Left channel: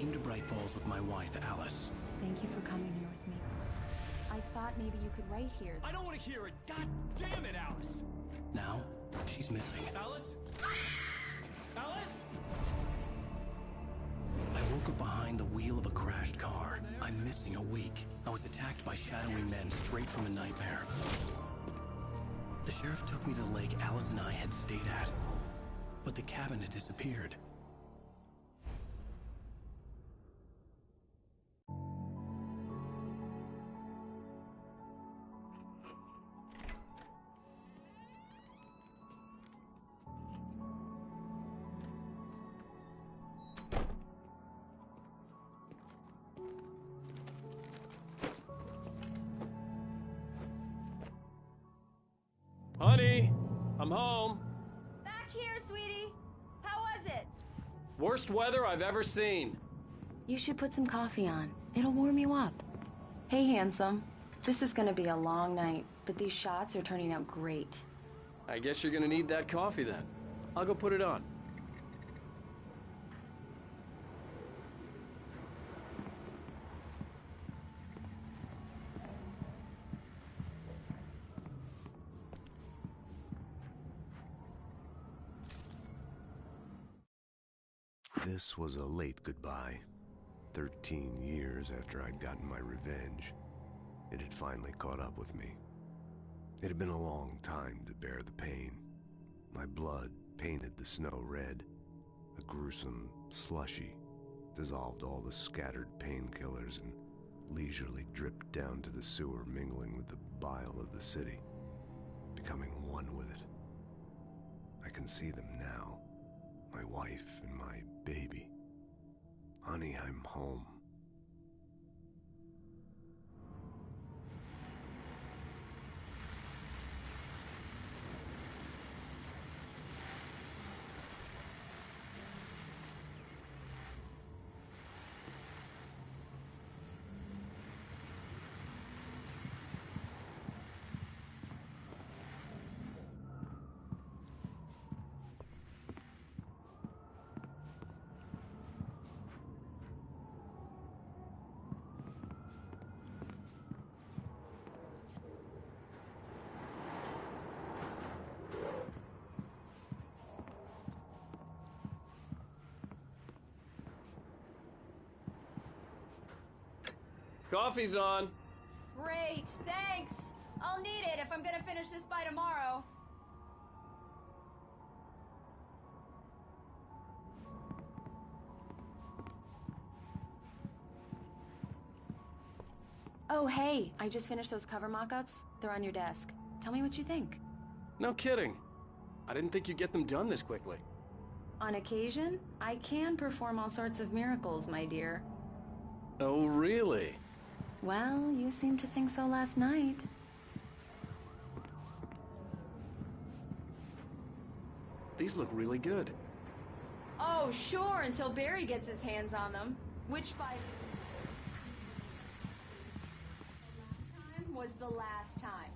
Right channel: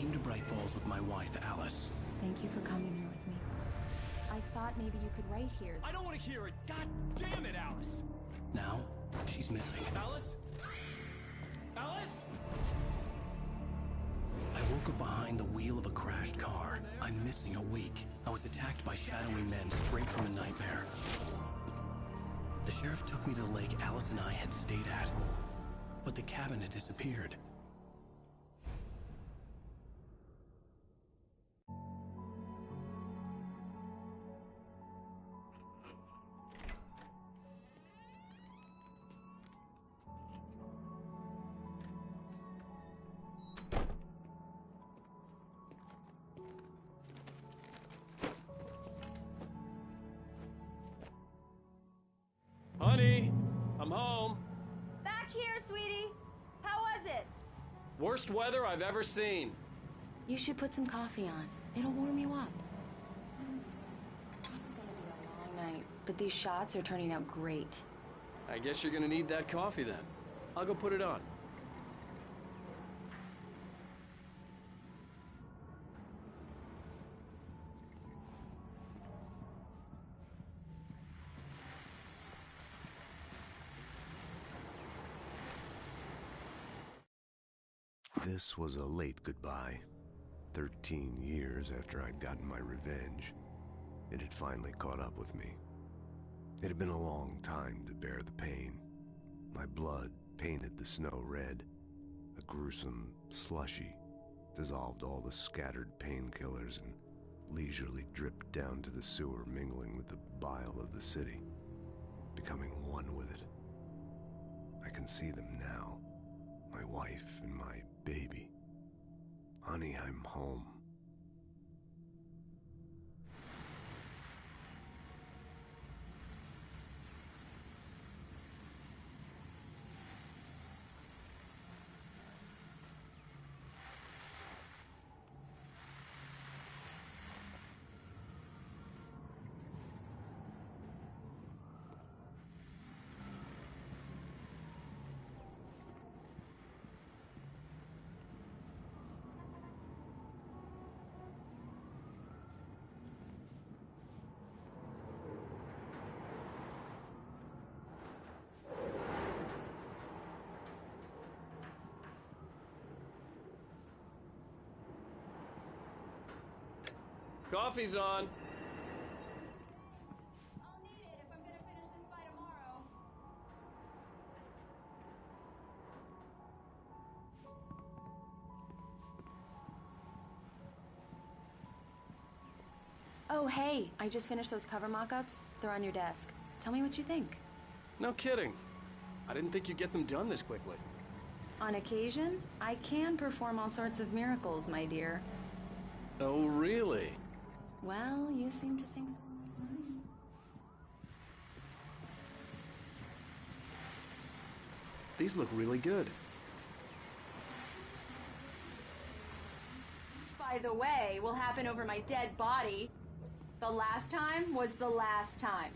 came to Bright Falls with my wife, Alice. Thank you for coming here with me. I thought maybe you could write here. I don't want to hear it! God damn it, Alice! Now, she's missing. Alice? Alice? I woke up behind the wheel of a crashed car. I'm missing a week. I was attacked by shadowy men straight from a nightmare. The sheriff took me to the lake Alice and I had stayed at, but the cabin had disappeared. Honey, I'm home. Back here, sweetie. How was it? Worst weather I've ever seen. You should put some coffee on. It'll warm you up. Hey, handsome. This is gonna be a long night, but these shots are turning out great. I guess you're gonna need that coffee then. I'll go put it on. This was a late goodbye. 13 years after I'd gotten my revenge, it had finally caught up with me. It had been a long time to bear the pain. My blood painted the snow red. A gruesome slushy dissolved all the scattered painkillers and leisurely dripped down to the sewer, mingling with the bile of the city, becoming one with it. I can see them now. My wife and my baby. Honey, I'm home. Coffee's on. Great, thanks. I'll need it if I'm gonna finish this by tomorrow. Oh, hey, I just finished those cover mock-ups. They're on your desk. Tell me what you think. No kidding. I didn't think you'd get them done this quickly. On occasion, I can perform all sorts of miracles, my dear. Oh, really? Well, you seemed to think so last night. These look really good. Oh, sure, until Barry gets his hands on them. Which, by the way, will happen over my dead body. The last time was the last time.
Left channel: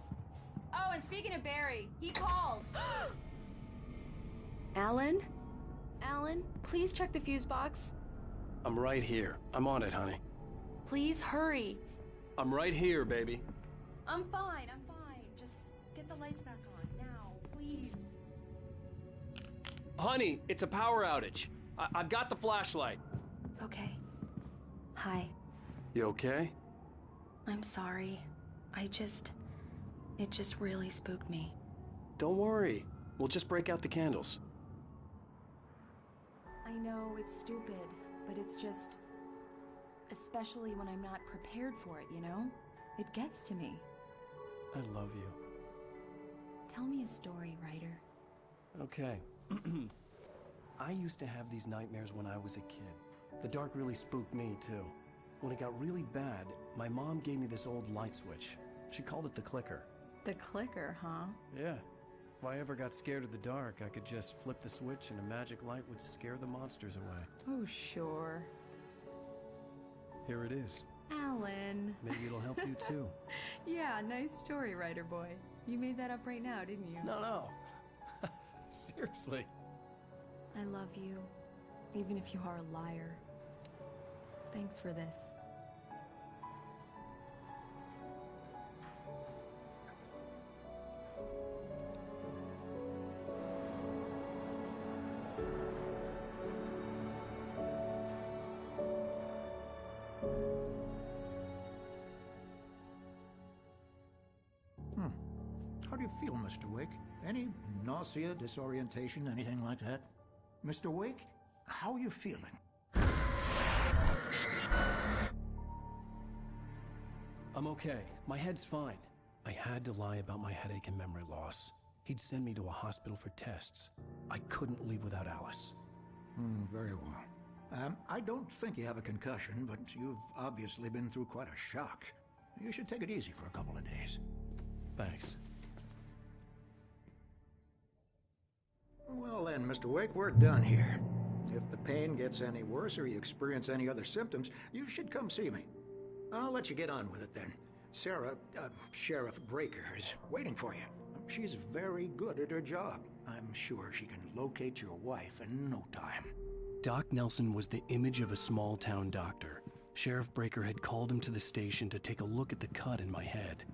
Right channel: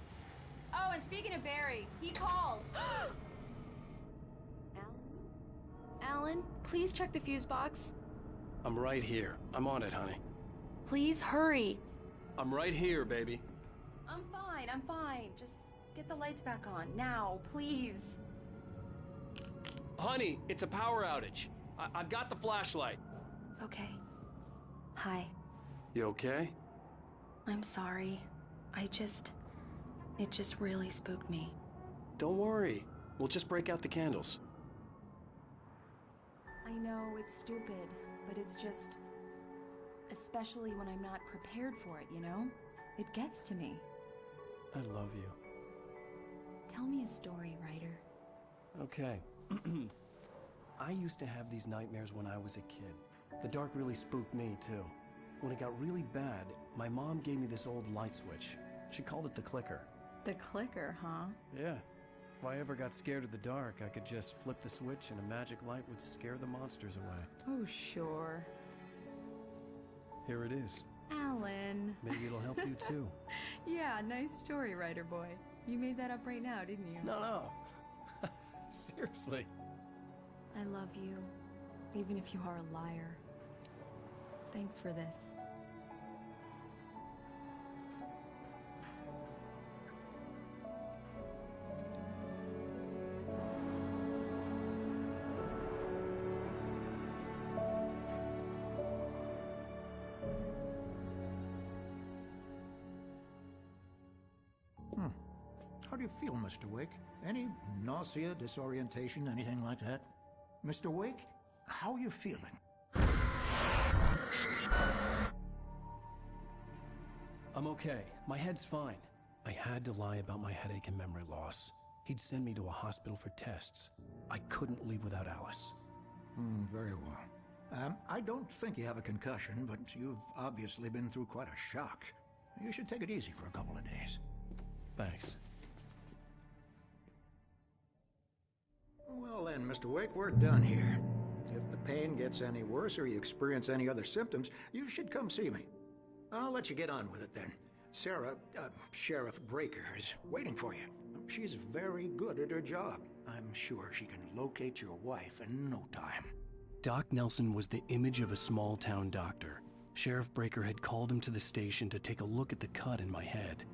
Oh, and speaking of Barry, he called. Alan? Alan, please check the fuse box. I'm right here. I'm on it, honey. Please hurry. I'm right here, baby. I'm fine, I'm fine. Just get the lights back on, now, please. Honey, it's a power outage. I've got the flashlight. Okay. Hi. You okay? I'm sorry. It just really spooked me. Don't worry. We'll just break out the candles. I know it's stupid, but it's just... especially when I'm not prepared for it, you know? It gets to me. I love you. Tell me a story, writer. Okay. I used to have these nightmares when I was a kid. The dark really spooked me, too. When it got really bad, my mom gave me this old light switch. She called it the clicker. The clicker, huh? Yeah. If I ever got scared of the dark, I could just flip the switch and a magic light would scare the monsters away. Oh, sure. Here it is. Alan. Maybe it'll help you, too. Yeah, nice story, writer boy. You made that up right now, didn't you? No. Seriously. I love you, even if you are a liar. Thanks for this. How do you feel, Mr. Wake? Any nausea, disorientation, anything like that? Mr. Wake, how are you feeling? I'm okay. My head's fine. I had to lie about my headache and memory loss. He'd send me to a hospital for tests. I couldn't leave without Alice. Very well. I don't think you have a concussion, but you've obviously been through quite a shock. You should take it easy for a couple of days. Thanks. Well then, Mr. Wake, we're done here. If the pain gets any worse or you experience any other symptoms, you should come see me. I'll let you get on with it then. Sarah, Sheriff Breaker, is waiting for you. She's very good at her job. I'm sure she can locate your wife in no time. Doc Nelson was the image of a small-town doctor. Sheriff Breaker had called him to the station to take a look at the cut in my head.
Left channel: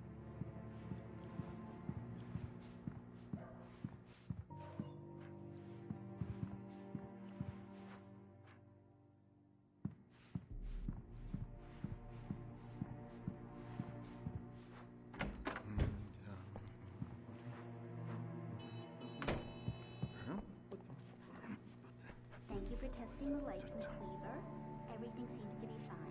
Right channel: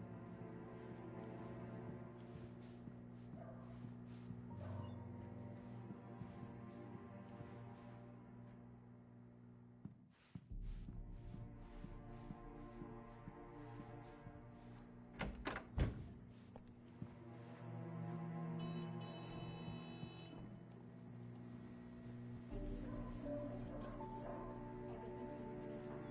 Thank you for testing the lights, Miss Weaver. Everything seems to be fine.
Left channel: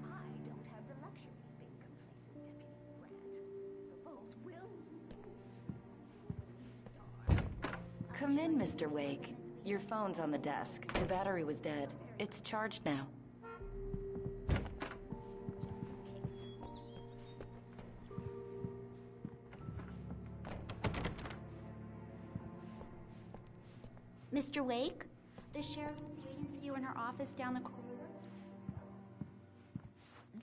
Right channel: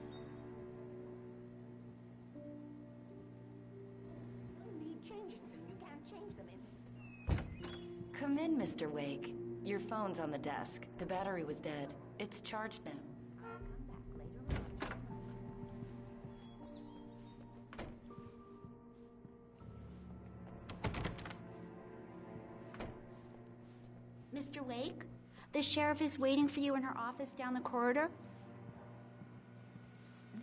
I don't have the luxury of being complacent, Deputy Brent. The bulbs will need changing, so you can't change them in the dark. Come in, Mr. Wake. Your phone's on the desk. The battery was dead. It's charged now. Mr. Wake, the sheriff is waiting for you in her office down the corridor.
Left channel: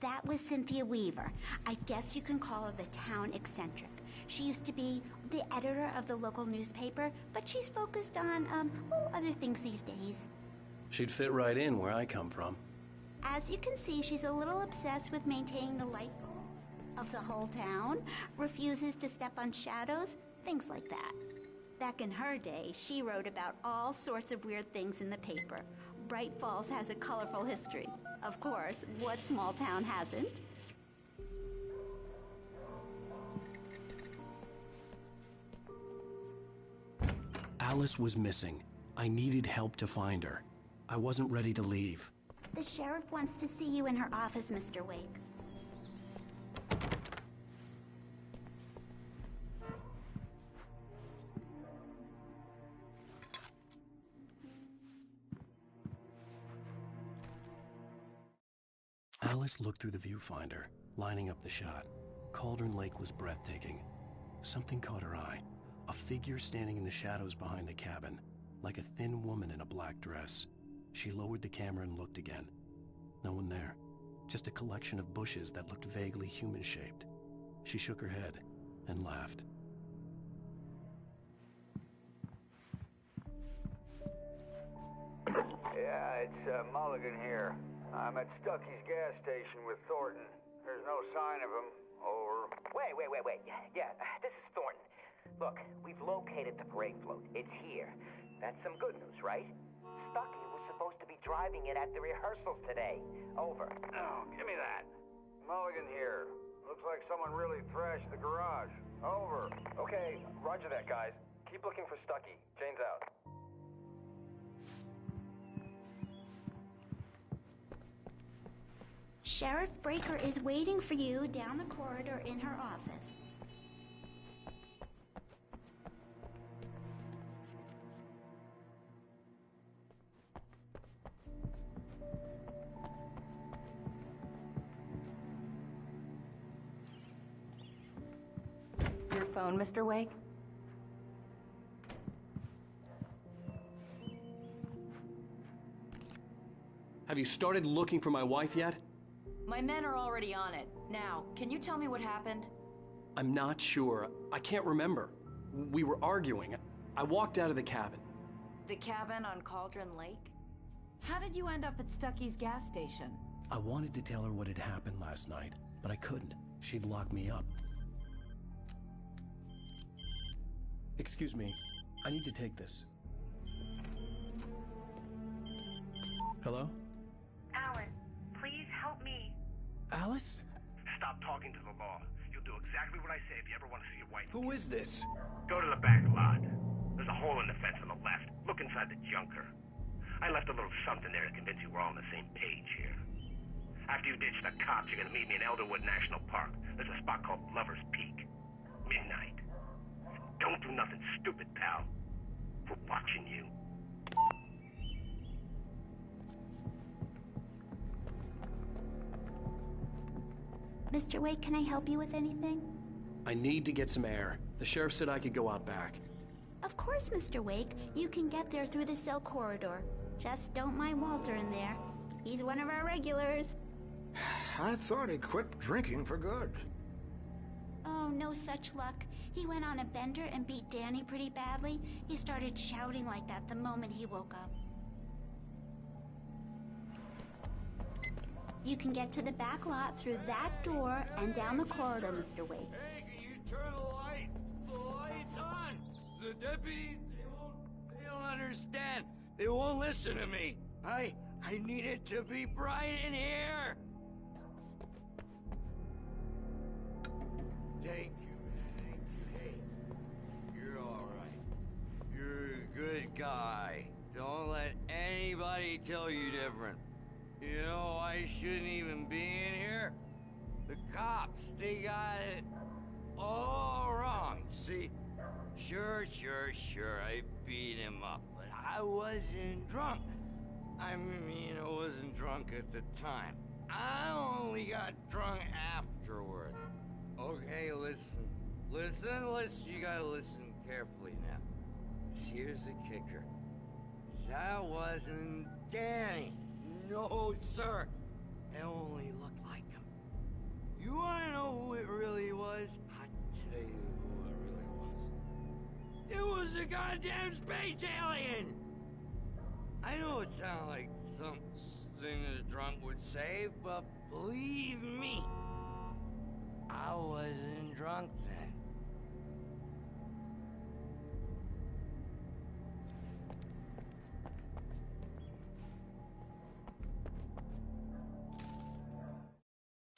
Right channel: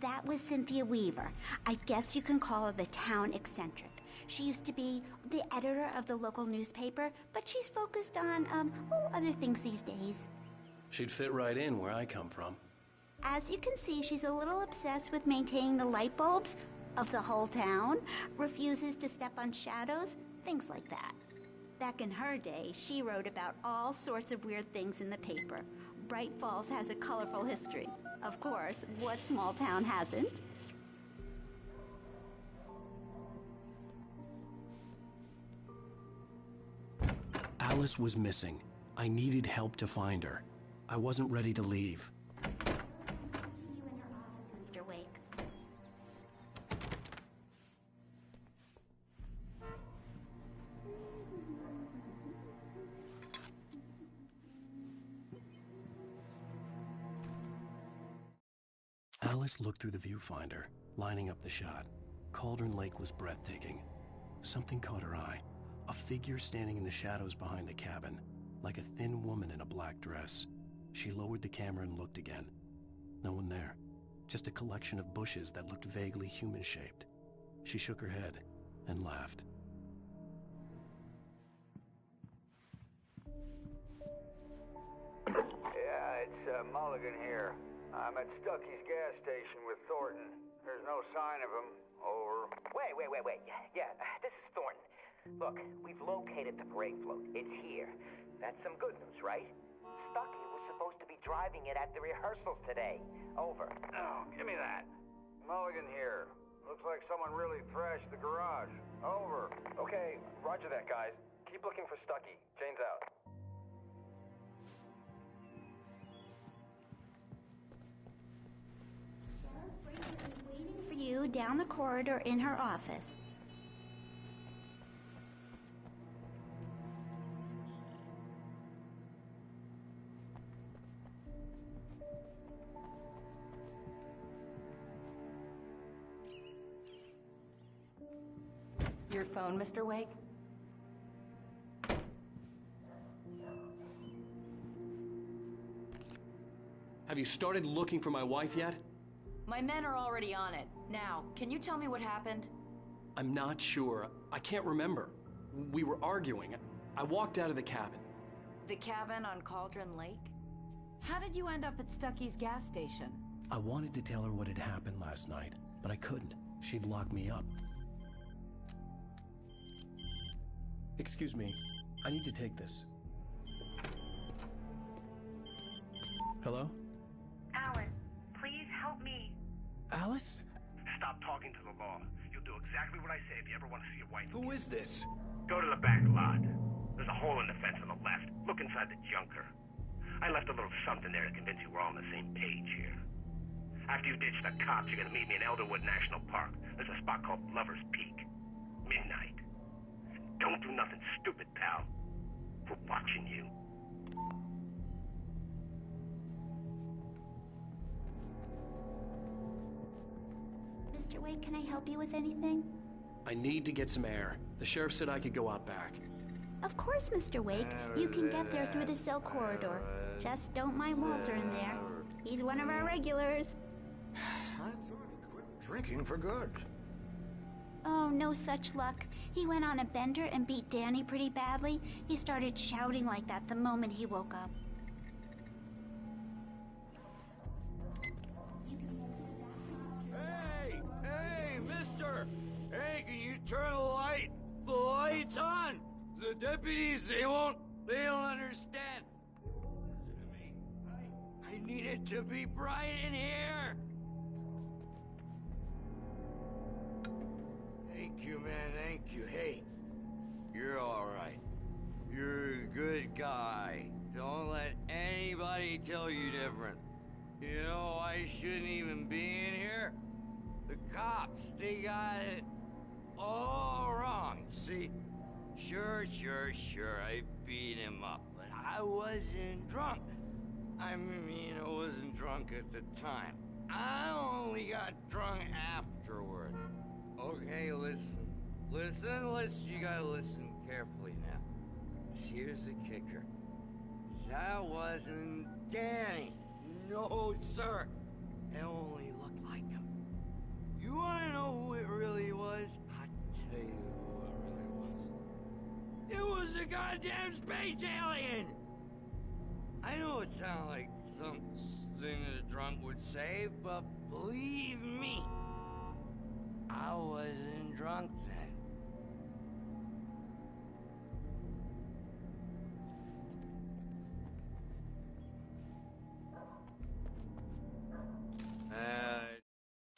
That was Cynthia Weaver. I guess you can call her the town eccentric. She used to be the editor of the local newspaper, but she's focused on, other things these days. She'd fit right in where I come from. As you can see, she's a little obsessed with maintaining the light bulbs of the whole town, refuses to step on shadows, things like that. Back in her day, she wrote about all sorts of weird things in the paper. Bright Falls has a colorful history. Of course, what small town hasn't? Alice was missing. I needed help to find her. I wasn't ready to leave. The sheriff wants to see you in her office, Mr. Wake. Alice looked through the viewfinder, lining up the shot. Cauldron Lake was breathtaking. Something caught her eye. A figure standing in the shadows behind the cabin, like a thin woman in a black dress. She lowered the camera and looked again. No one there. Just a collection of bushes that looked vaguely human-shaped. She shook her head and laughed. Yeah, it's Mulligan here. I'm at Stucky's gas station with Thornton. There's no sign of him. Over. Wait. Yeah, this is Thornton. Look, we've located the parade float. It's here. That's some good news, right? Stucky was supposed to be driving it at the rehearsals today. Over. Oh, give me that. Mulligan here. Looks like someone really thrashed the garage. Over. Okay, roger that, guys. Keep looking for Stucky. Jane's out. Sheriff Breaker is waiting for you down the corridor in her office. Your phone, Mr. Wake? Have you started looking for my wife yet? My men are already on it. Now, can you tell me what happened? I'm not sure. I can't remember. We were arguing. I walked out of the cabin. The cabin on Cauldron Lake? How did you end up at Stucky's gas station? I wanted to tell her what had happened last night, but I couldn't. She'd lock me up. Excuse me, I need to take this. Hello? Alan, please help me. Alice? Stop talking to the law. You'll do exactly what I say if you ever want to see your wife. Who is this? Go to the back lot. There's a hole in the fence on the left. Look inside the junker. I left a little something there to convince you we're all on the same page here. After you ditch the cops, you're gonna meet me in Elderwood National Park. There's a spot called Lover's Peak. Midnight. Don't do nothing stupid, pal. We're watching you. Mr. Wake, can I help you with anything? I need to get some air. The sheriff said I could go out back. Of course, Mr. Wake. You can get there through the cell corridor. Just don't mind Walter in there. He's one of our regulars. I thought he quit drinking for good. Oh, no such luck. He went on a bender and beat Danny pretty badly. He started shouting like that the moment he woke up. You can get to the back lot through that door and down the corridor, Mr. Wake. Hey, can you turn the light? The light's on! The deputies, they don't understand. They won't listen to me. I need it to be bright in here! Thank you, man, thank you. Hey, you're alright. You're a good guy. Don't let anybody tell you different. You know, I shouldn't even be in here. The cops, they got it all wrong, see? Sure, I beat him up, but I wasn't drunk. I mean, I wasn't drunk at the time. I only got drunk afterward. Okay, listen, you gotta listen carefully now. Here's the kicker. That wasn't Danny. No, sir. It only looked like him. You wanna know who it really was? I'll tell you who it really was. It was a goddamn space alien! I know it sounded like something that a drunk would say, but believe me, I wasn't drunk then.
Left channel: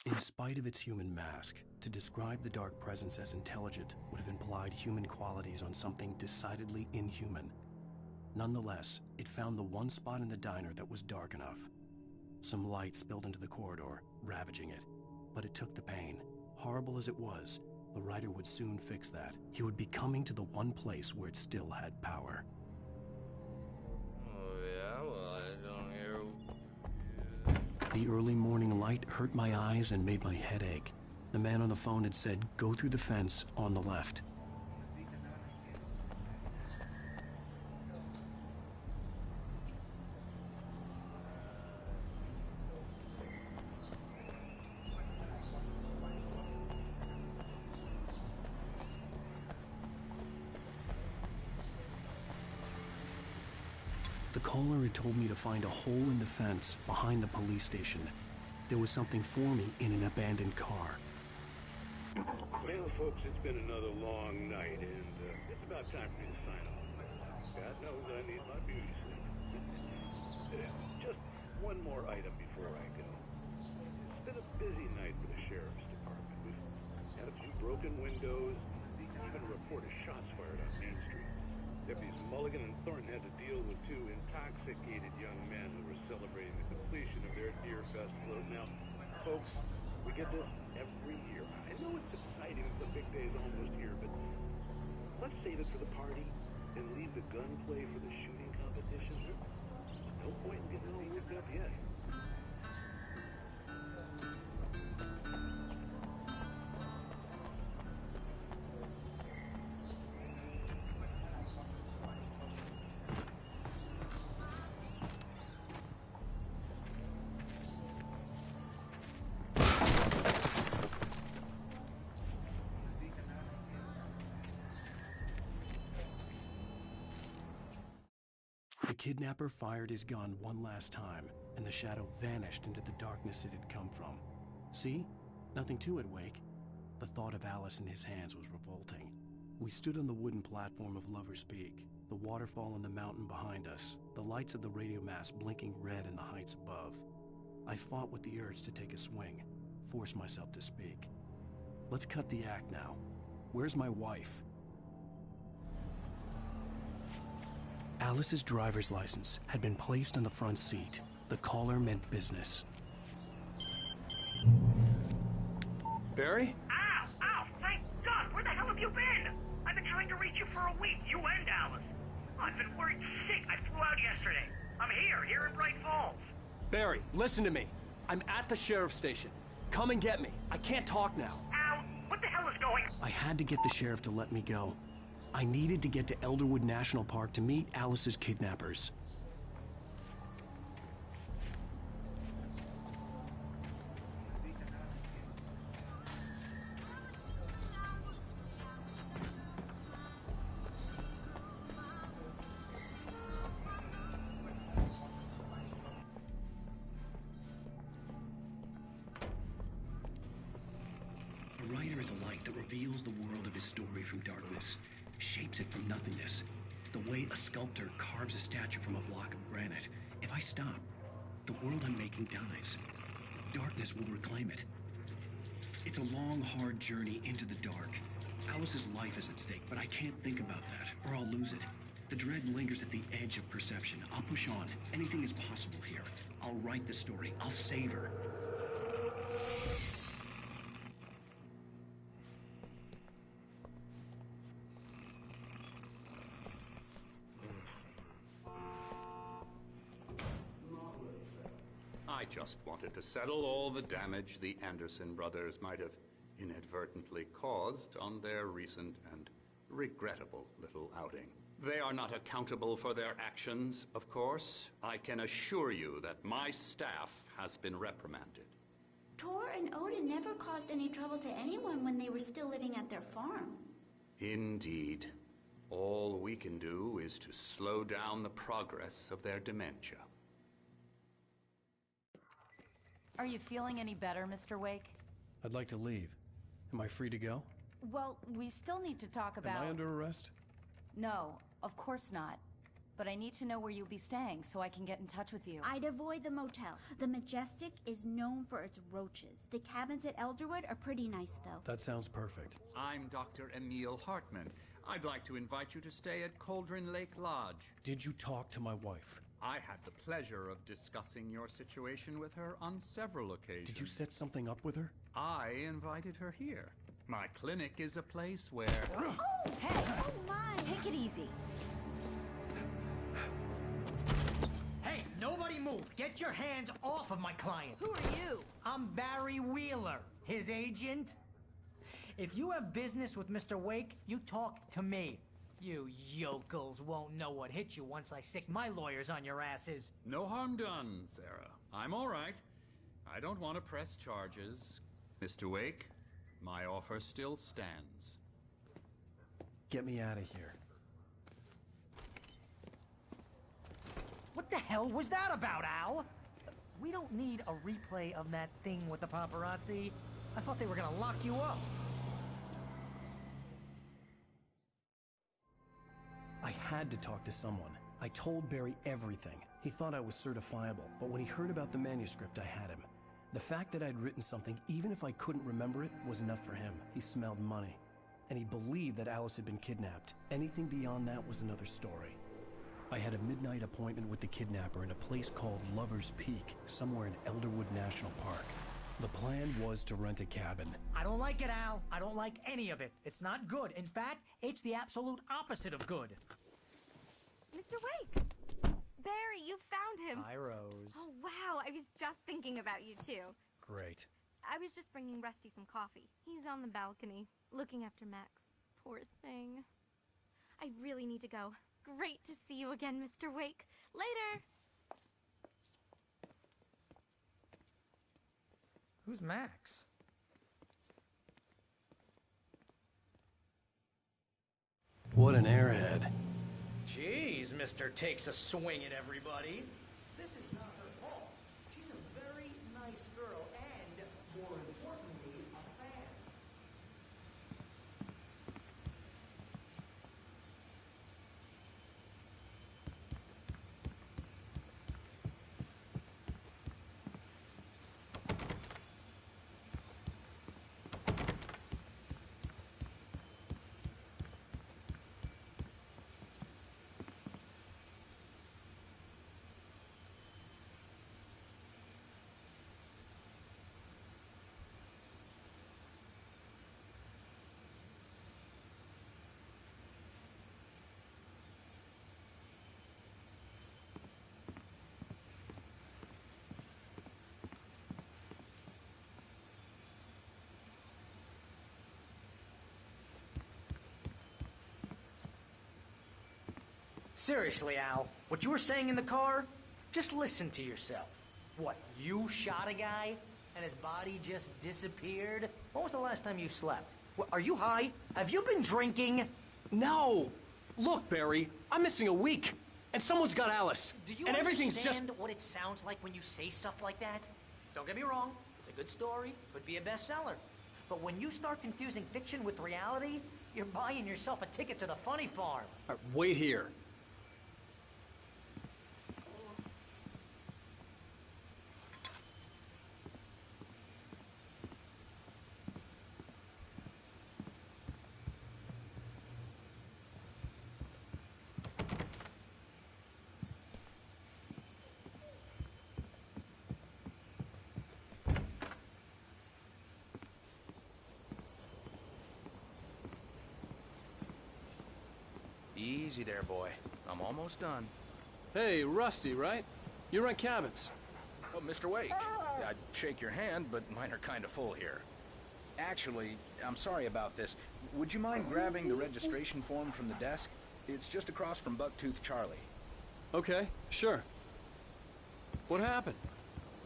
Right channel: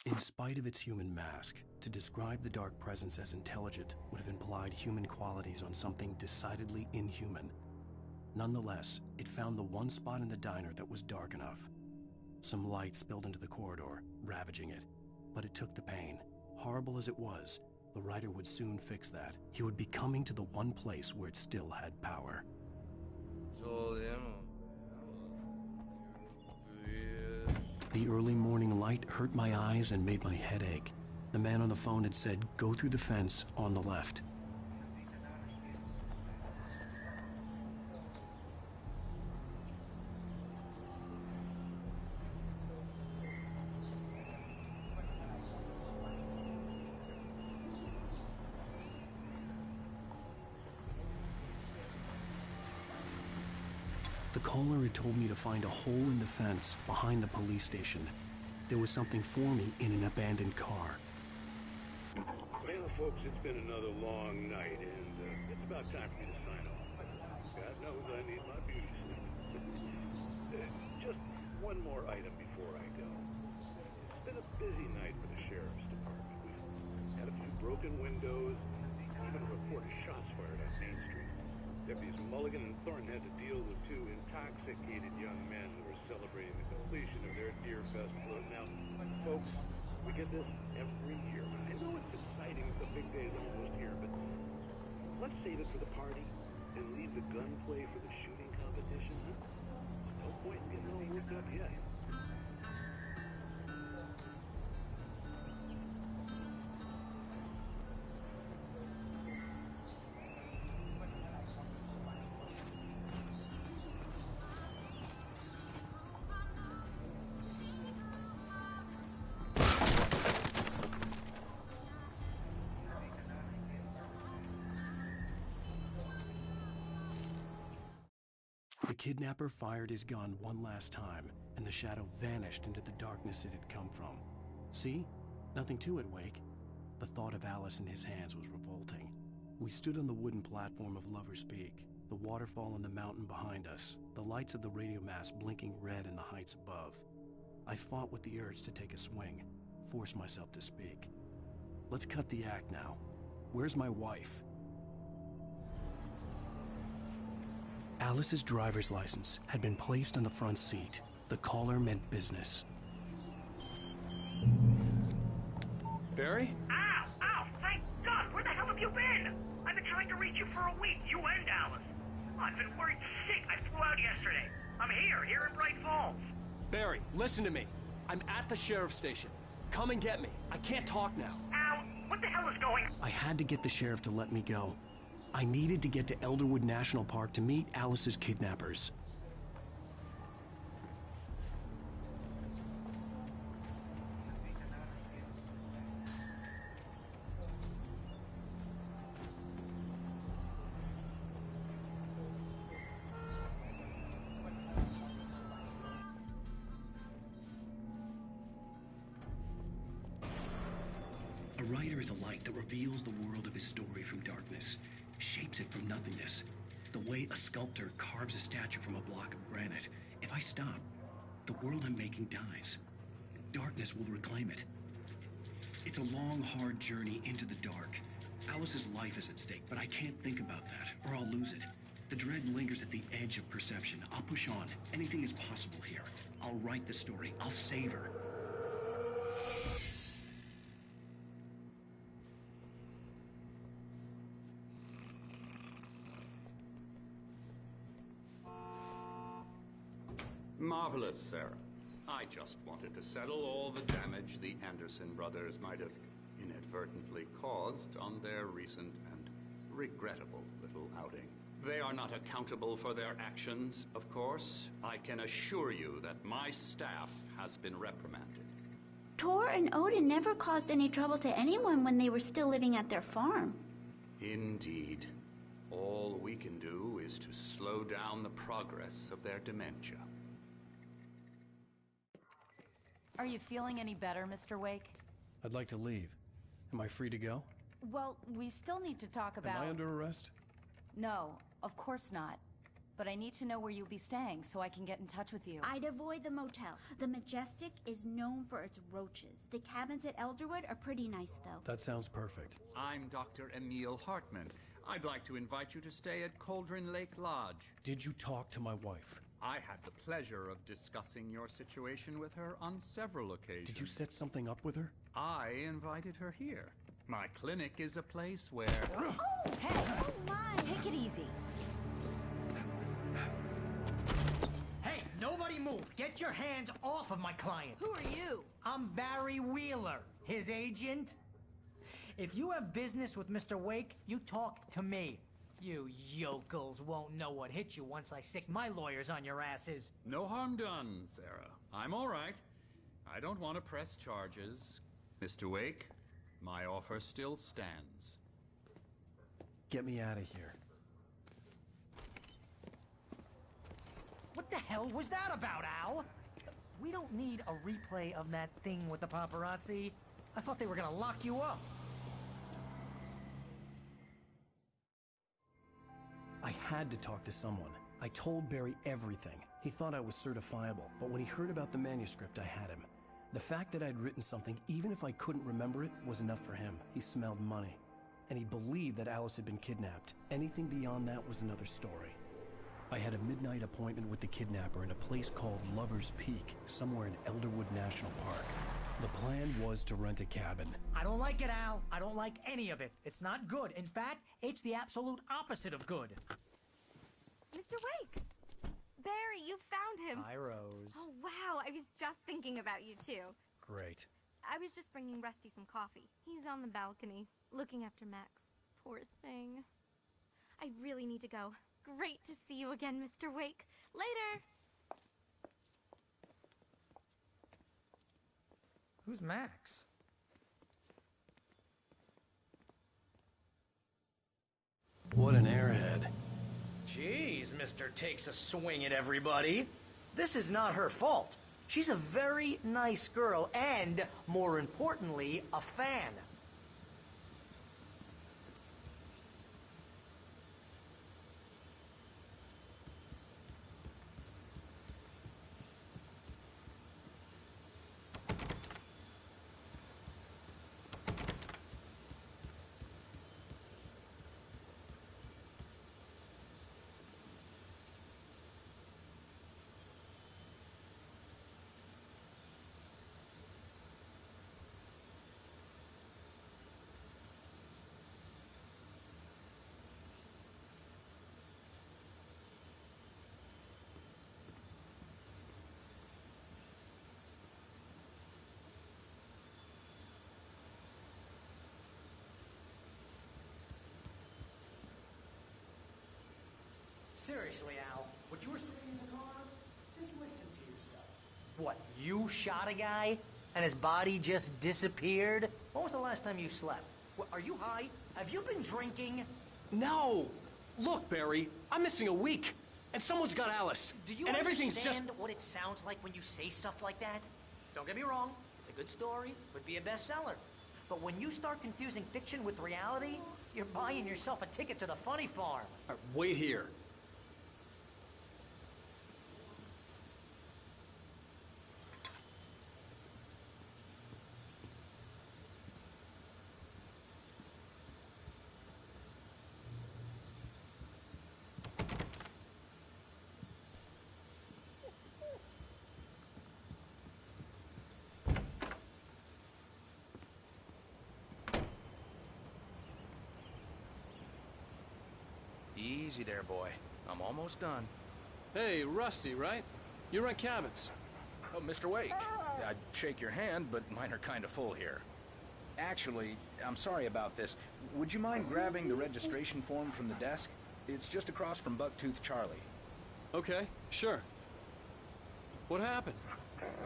In spite of its human mask, to describe the dark presence as intelligent would have implied human qualities on something decidedly inhuman. Nonetheless, it found the one spot in the diner that was dark enough. Some light spilled into the corridor, ravaging it. But it took the pain. Horrible as it was, the writer would soon fix that. He would be coming to the one place where it still had power. The early morning light hurt my eyes and made my head ache. The man on the phone had said, "Go through the fence on the left." The caller had told me to find a hole in the fence behind the police station. There was something for me in an abandoned car. Well, folks, it's been another long night, and it's about time for me to sign off for a while. God knows I need my beauty sleep. Just one more item before I go. It's been a busy night for the sheriff's department. We've had a few broken windows, even a report of shots fired on Main Street. Deputies Mulligan and Thornton had to deal with two intoxicated young men who were celebrating the completion of their Deer Fest float. Now, folks, we get this every year. I know it's exciting, the big day's almost here, but let's save it for the party and leave the gunplay for the shooting competition, huh? There's no point in getting all worked up yet. The kidnapper fired his gun one last time, and the shadow vanished into the darkness it had come from. See? Nothing to it, Wake. The thought of Alice in his hands was revolting. We stood on the wooden platform of Lover's Peak, the waterfall on the mountain behind us, the lights of the radio mast blinking red in the heights above. I fought with the urge to take a swing, force myself to speak. Let's cut the act now. Where's my wife? Alice's driver's license had been placed on the front seat. The caller meant business. Barry? Ow! Ow! Thank God! Where the hell have you been? I've been trying to reach you for a week, you and Alice. I've been worried sick. I flew out yesterday. I'm here in Bright Falls. Barry, listen to me. I'm at the sheriff's station. Come and get me. I can't talk now. Al, what the hell is going on? I had to get the sheriff to let me go. I needed to get to Elderwood National Park to meet Alice's kidnappers. A writer is a light that reveals the world of his story from darkness, shapes it from nothingness. The way a sculptor carves a statue from a block of granite. If I stop, the world I'm making dies. Darkness will reclaim it. It's a long, hard journey into the dark. Alice's life is at stake, but I can't think about that, or I'll lose it. The dread lingers at the edge of perception. I'll push on. Anything is possible here. I'll write the story. I'll save her. Marvelous, Sarah. I just wanted to settle all the damage the Anderson brothers might have inadvertently caused on their recent and regrettable little outing. They are not accountable for their actions, of course. I can assure you that my staff has been reprimanded. Tor and Odin never caused any trouble to anyone when they were still living at their farm. Indeed. All we can do is to slow down the progress of their dementia. Are you feeling any better, Mr. Wake? I'd like to leave. Am I free to go? Well, we still need to talk about... Am I under arrest? No, of course not. But I need to know where you'll be staying so I can get in touch with you. I'd avoid the motel. The Majestic is known for its roaches. The cabins at Elderwood are pretty nice, though. That sounds perfect. I'm Dr. Emil Hartman. I'd like to invite you to stay at Cauldron Lake Lodge. Did you talk to my wife? I had the pleasure of discussing your situation with her on several occasions. Did you set something up with her? I invited her here. My clinic is a place where... Oh, hey! Oh, my! Take it easy. Hey, nobody move! Get your hands off of my client! Who are you? I'm Barry Wheeler, his agent. If you have business with Mr. Wake, you talk to me. You yokels won't know what hit you once I sick my lawyers on your asses. No harm done, Sarah. I'm all right. I don't want to press charges. Mr. Wake, my offer still stands. Get me out of here. What the hell was that about, Al? We don't need a replay of that thing with the paparazzi. I thought they were gonna lock you up. I had to talk to someone. I told Barry everything. He thought I was certifiable, but when he heard about the manuscript, I had him. The fact that I'd written something, even if I couldn't remember it, was enough for him. He smelled money. And he believed that Alice had been kidnapped. Anything beyond that was another story. I had a midnight appointment with the kidnapper in a place called Lover's Peak, somewhere in Elderwood National Park. The plan was to rent a cabin. I don't like it, Al. I don't like any of it. It's not good. In fact, it's the absolute opposite of good. Mr. Wake! Barry, you found him! Hi, Rose. Oh, wow. I was just thinking about you, too. Great. I was just bringing Rusty some coffee. He's on the balcony, looking after Max. Poor thing. I really need to go. Great to see you again, Mr. Wake. Later! Who's Max? What an airhead. Jeez, Mr. Takes a swing at everybody. This is not her fault. She's a very nice girl and, more importantly, a fan. Seriously, Al, what you were saying in the car? Just listen to yourself. What, you shot a guy and his body just disappeared? When was the last time you slept? What, are you high? Have you been drinking? No! Look, Barry, I'm missing a week, and someone's got Alice. Do you and everything's understand just... what it sounds like when you say stuff like that? Don't get me wrong, it's a good story, could be a bestseller. But when you start confusing fiction with reality, you're buying yourself a ticket to the funny farm. All right, wait here. Easy there, boy. I'm almost done. Hey, Rusty, right? You rent cabins. Oh, Mr. Wake. I'd shake your hand, but mine are kind of full here. Actually, I'm sorry about this. Would you mind grabbing the registration form from the desk? It's just across from Bucktooth Charlie. Okay, sure. What happened?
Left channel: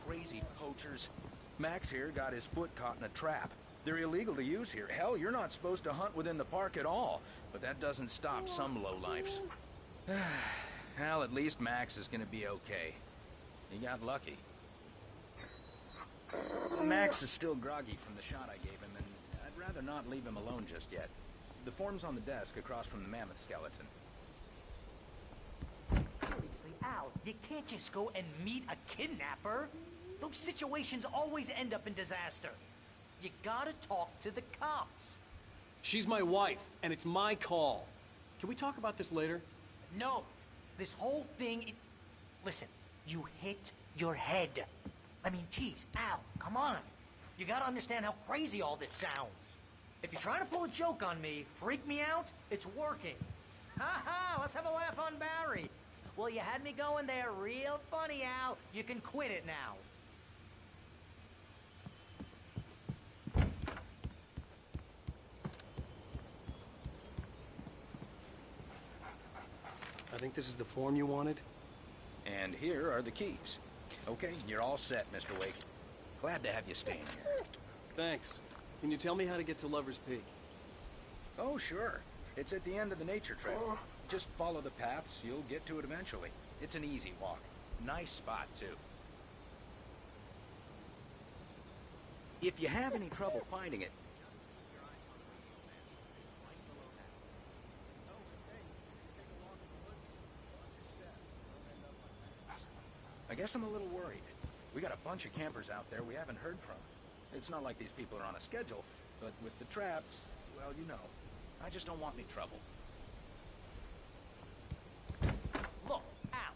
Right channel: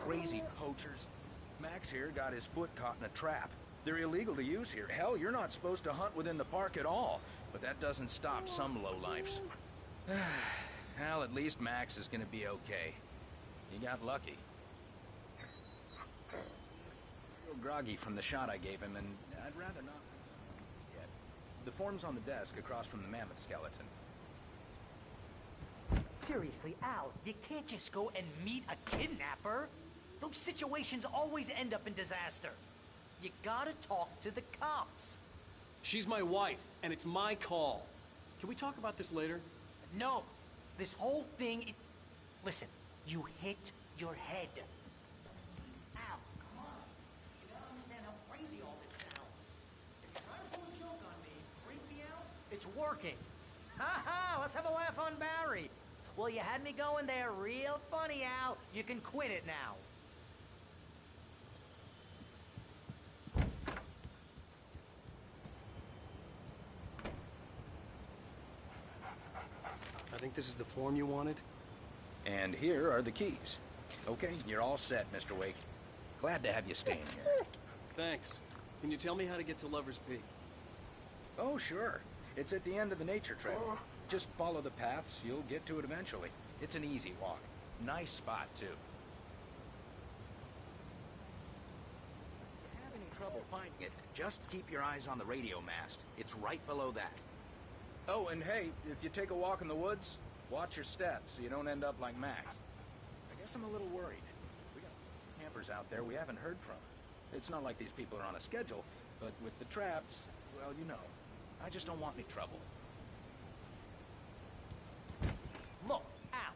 Crazy poachers. Max here got his foot caught in a trap. They're illegal to use here. Hell, you're not supposed to hunt within the park at all. But that doesn't stop some lowlifes. Well, at least Max is gonna be okay. He got lucky. Max is still groggy from the shot I gave him, and I'd rather not leave him alone just yet. The form's on the desk across from the mammoth skeleton. Seriously, Al, you can't just go and meet a kidnapper. Those situations always end up in disaster. You gotta talk to the cops. She's my wife, and it's my call. Can we talk about this later? No. This whole thing... Listen, you hit your head. I mean, geez, Al, come on. You gotta understand how crazy all this sounds. If you're trying to pull a joke on me, freak me out, it's working. Ha ha, let's have a laugh on Barry. Well, you had me going there real funny, Al. You can quit it now. I think this is the form you wanted. And here are the keys. Okay, you're all set, Mr. Wake. Glad to have you staying here. Thanks. Can you tell me how to get to Lover's Peak? Oh, sure. It's at the end of the nature trail. Just follow the paths, you'll get to it eventually. It's an easy walk. Nice spot, too. If you have any trouble finding it, just keep your eyes on the radio mast. It's right below that. Oh, and hey, if you take a walk in the woods, watch your steps so you don't end up like Max. I guess I'm a little worried. We got a bunch of campers out there we haven't heard from. It's not like these people are on a schedule, but with the traps, well, you know, I just don't want any trouble. Look, Al,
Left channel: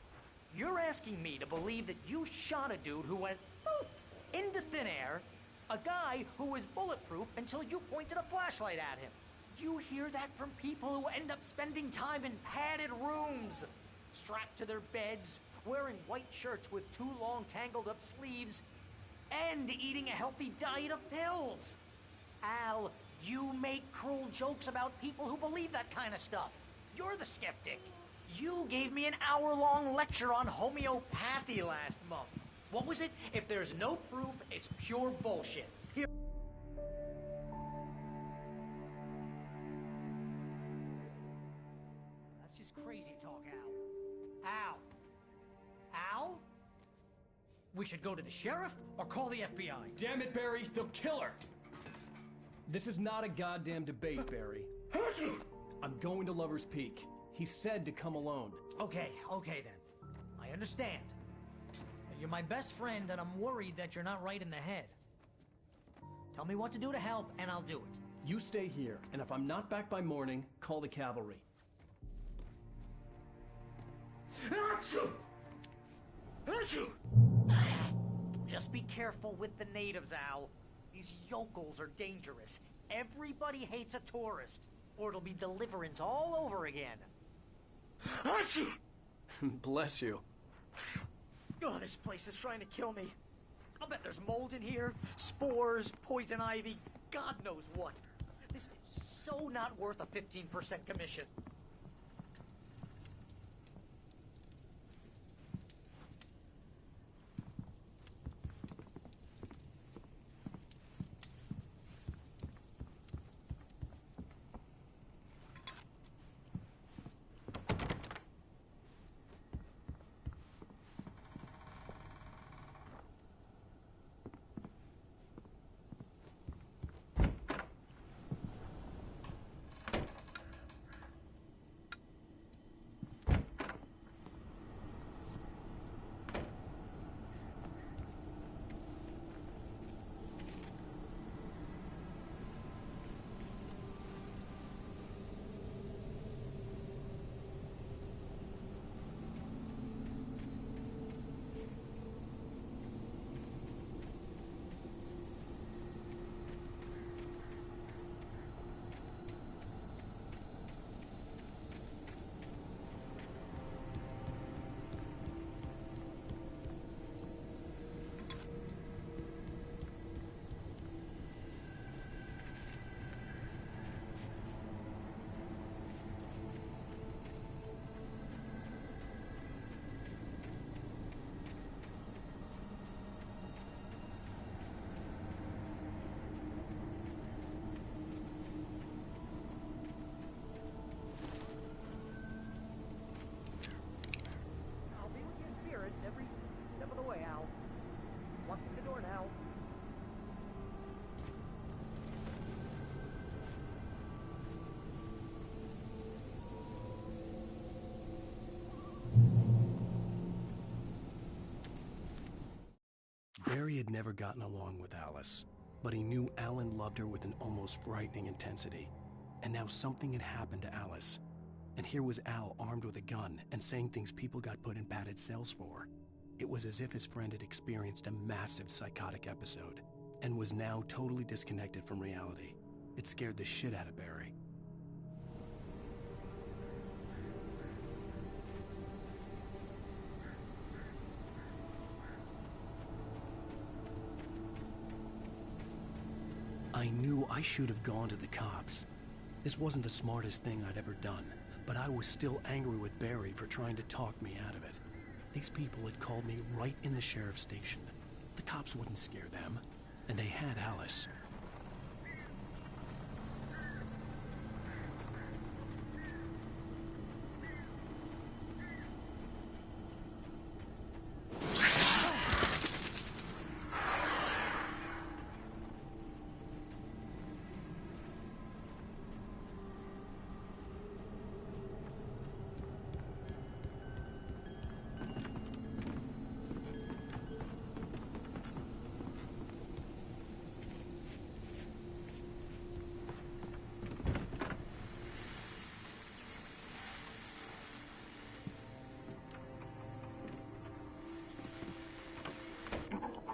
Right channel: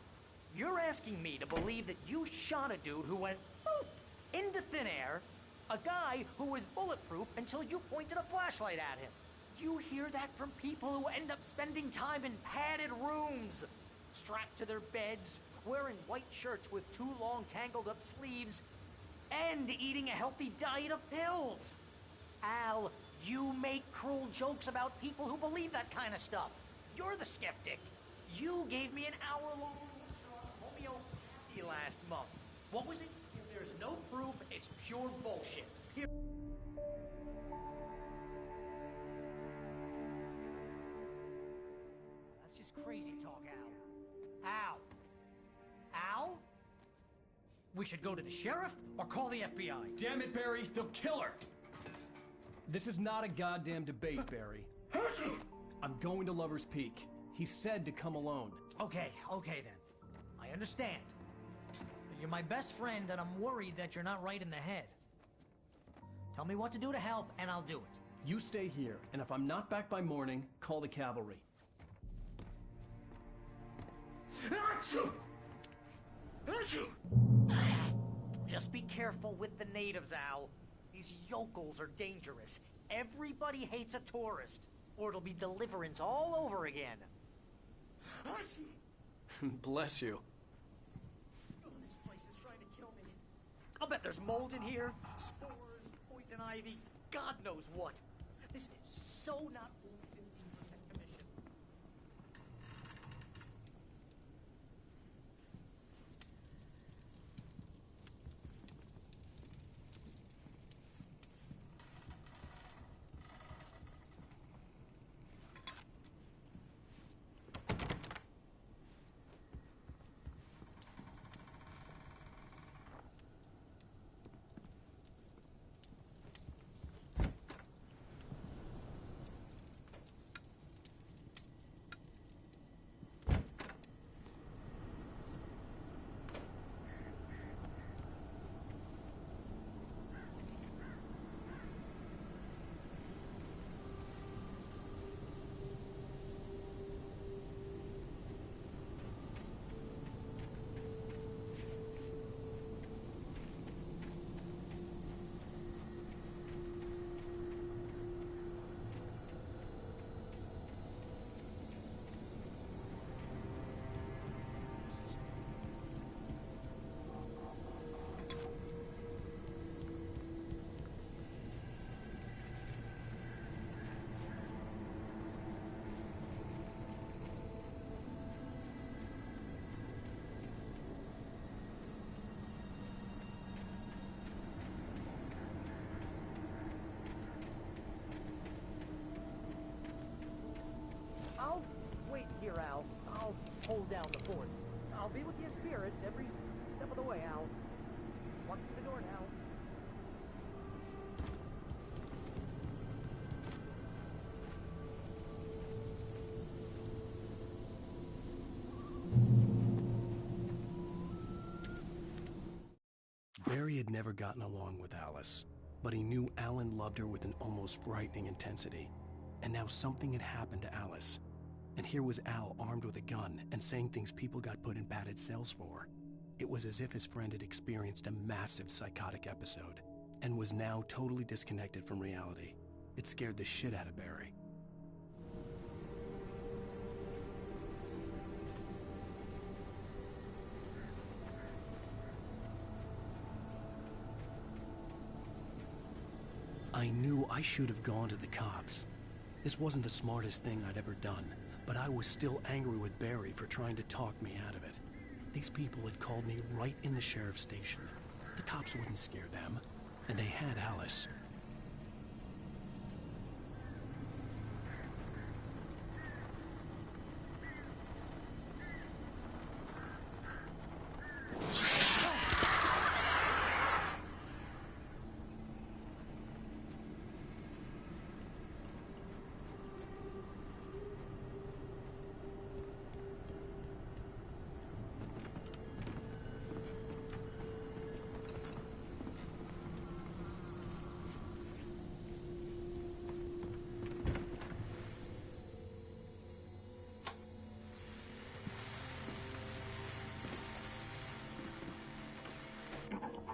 you're asking me to believe that you shot a dude who went poof into thin air, a guy who was bulletproof until you pointed a flashlight at him. You hear that from people who end up spending time in padded rooms, strapped to their beds, wearing white shirts with too long tangled up sleeves, and eating a healthy diet of pills. Al, you make cruel jokes about people who believe that kind of stuff. You're the skeptic. You gave me an hour-long lecture on homeopathy last month. What was it? If there's no proof, it's pure bullshit. That's just crazy talk, Al. Al? Al? We should go to the sheriff or call the FBI. Damn it, Barry, they'll kill her! This is not a goddamn debate, Barry. I'm going to Lover's Peak. He said to come alone. Okay then. I understand. But you're my best friend, and I'm worried that you're not right in the head. Tell me what to do to help, and I'll do it. You stay here, and if I'm not back by morning, call the cavalry. Just be careful with the natives, Al. These yokels are dangerous. Everybody hates a tourist, or it'll be Deliverance all over again. Bless you. Oh, this place is trying to kill me. I'll bet there's mold in here, spores, poison ivy, God knows what. This is so not worth a 15% commission. Hold down the fort. I'll be with you in spirit every step of the way, Al. Walk through the door now. Barry had never gotten along with Alice, but he knew Alan loved her with an almost frightening intensity. And now something had happened to Alice. And here was Al armed with a gun and saying things people got put in padded cells for. It was as if his friend had experienced a massive psychotic episode and was now totally disconnected from reality. It scared the shit out of Barry. I knew I should have gone to the cops. This wasn't the smartest thing I'd ever done, but I was still angry with Barry for trying to talk me out of it. These people had called me right in the sheriff's station. The cops wouldn't scare them, and they had Alice.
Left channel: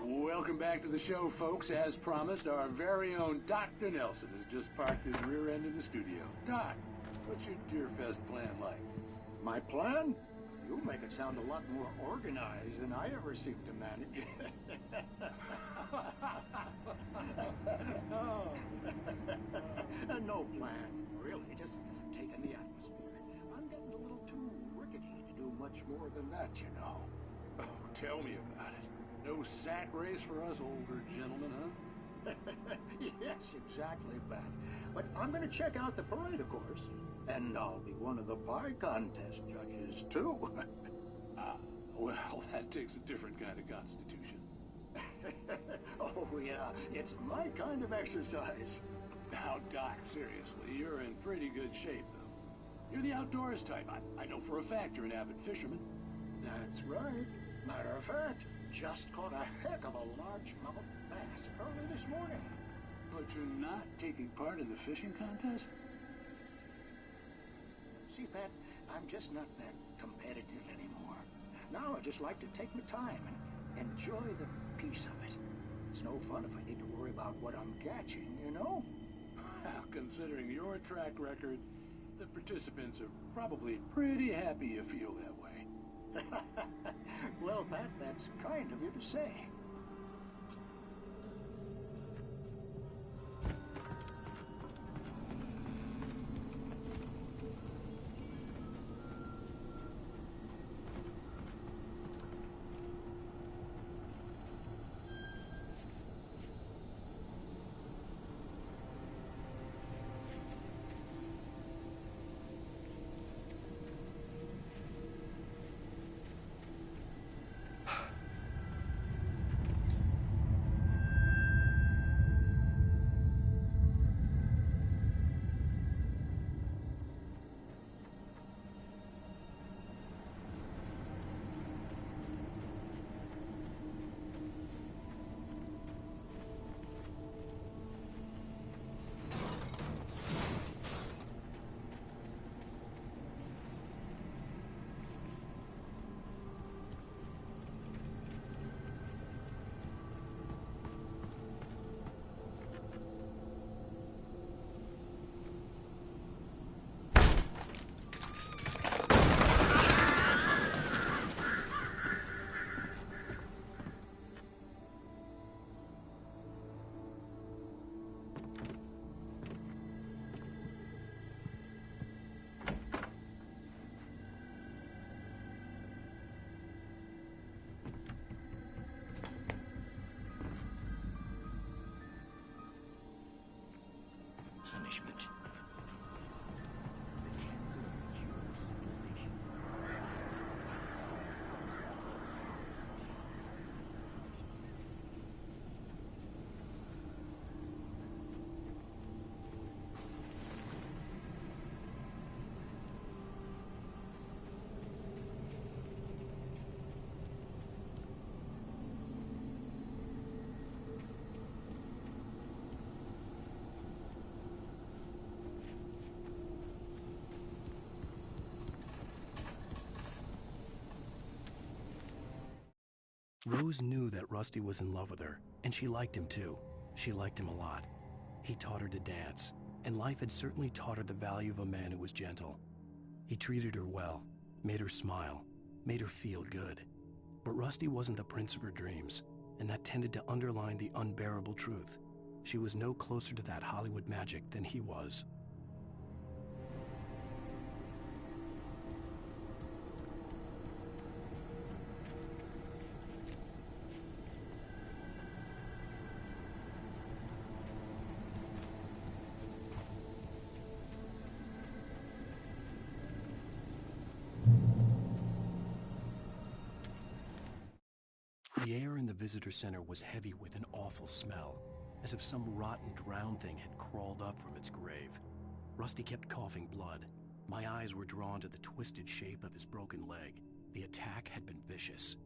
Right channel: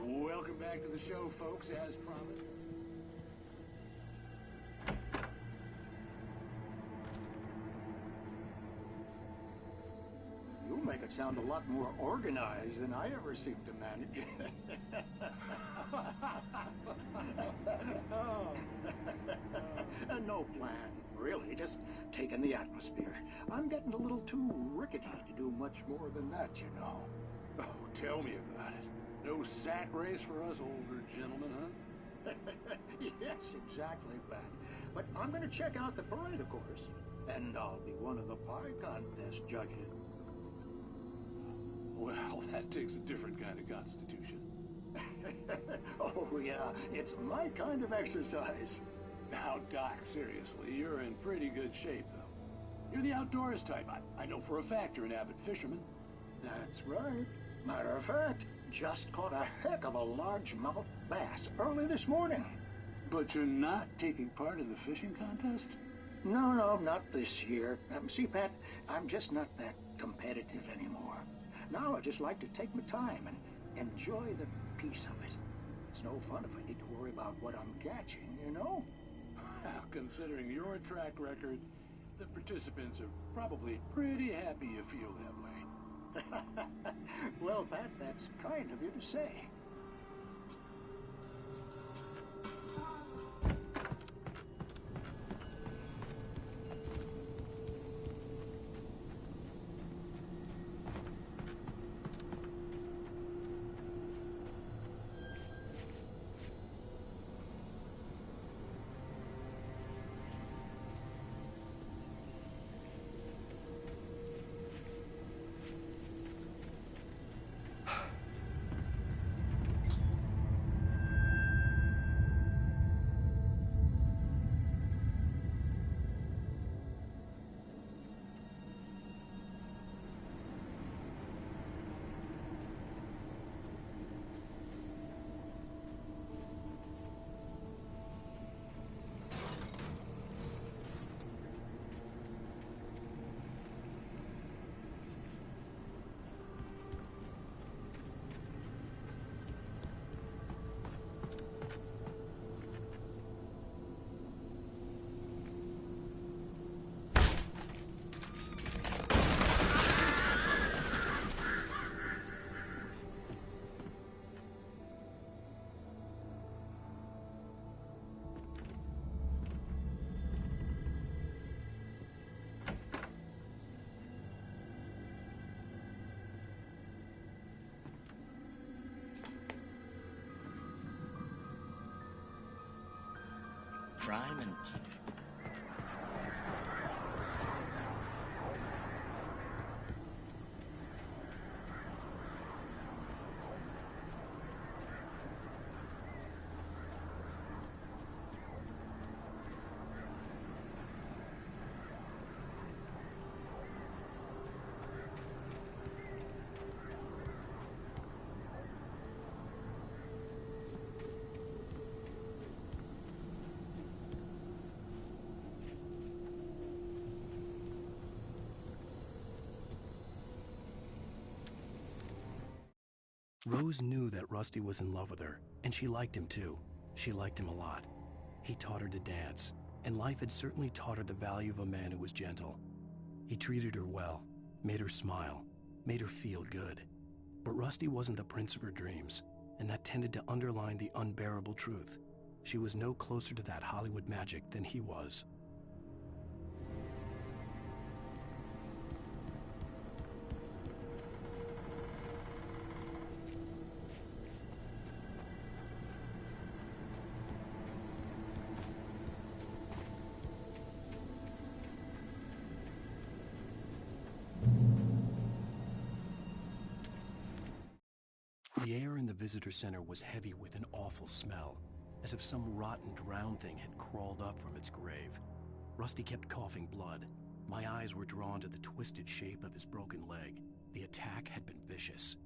Welcome back to the show, folks. As promised, our very own Dr. Nelson has just parked his rear end in the studio. Doc, what's your Deerfest plan like? My plan? You make it sound a lot more organized than I ever seem to manage. No plan, really. Just taking the atmosphere. I'm getting a little too rickety to do much more than that, you know. Oh, tell me about it. No sack race for us older gentlemen, huh? Yes, exactly, Bat. But I'm going to check out the parade, of course. And I'll be one of the pie contest judges, too. Well, that takes a different kind of constitution. Oh, yeah, it's my kind of exercise. Now, Doc, seriously, you're in pretty good shape, though. You're the outdoors type. I know for a fact you're an avid fisherman. That's right. Matter of fact, just caught a heck of a largemouth bass early this morning. But you're not taking part in the fishing contest? No, not this year. See, Pat, I'm just not that competitive anymore. Now I just like to take my time and enjoy the peace of it. It's no fun if I need to worry about what I'm catching, you know? Well, considering your track record, the participants are probably pretty happy you feel that way. Well, Pat, that's kind of you to say. Crime and punishment. Rose knew that Rusty was in love with her, and she liked him too. She liked him a lot. He taught her to dance, and life had certainly taught her the value of a man who was gentle. He treated her well, made her smile, made her feel good. But Rusty wasn't the prince of her dreams, and that tended to underline the unbearable truth. She was no closer to that Hollywood magic than he was. The air in the visitor center was heavy with an awful smell, as if some rotten drowned thing had crawled up from its grave. Rusty kept coughing blood. My eyes were drawn to the twisted shape of his broken leg. The attack had been vicious.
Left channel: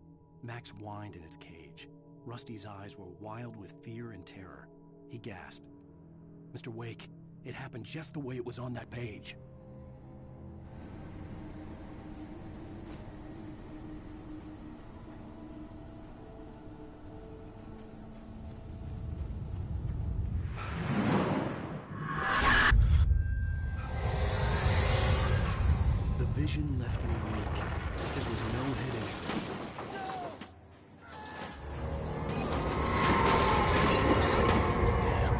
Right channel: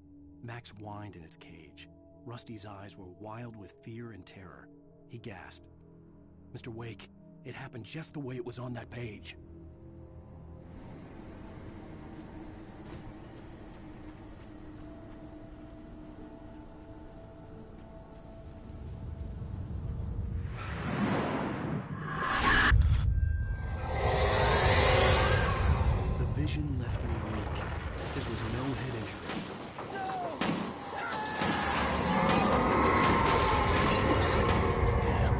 Max whined in his cage. Rusty's eyes were wild with fear and terror. He gasped. "Mr. Wake, it happened just the way it was on that page." Vision left me weak. This was no head injury. Damn.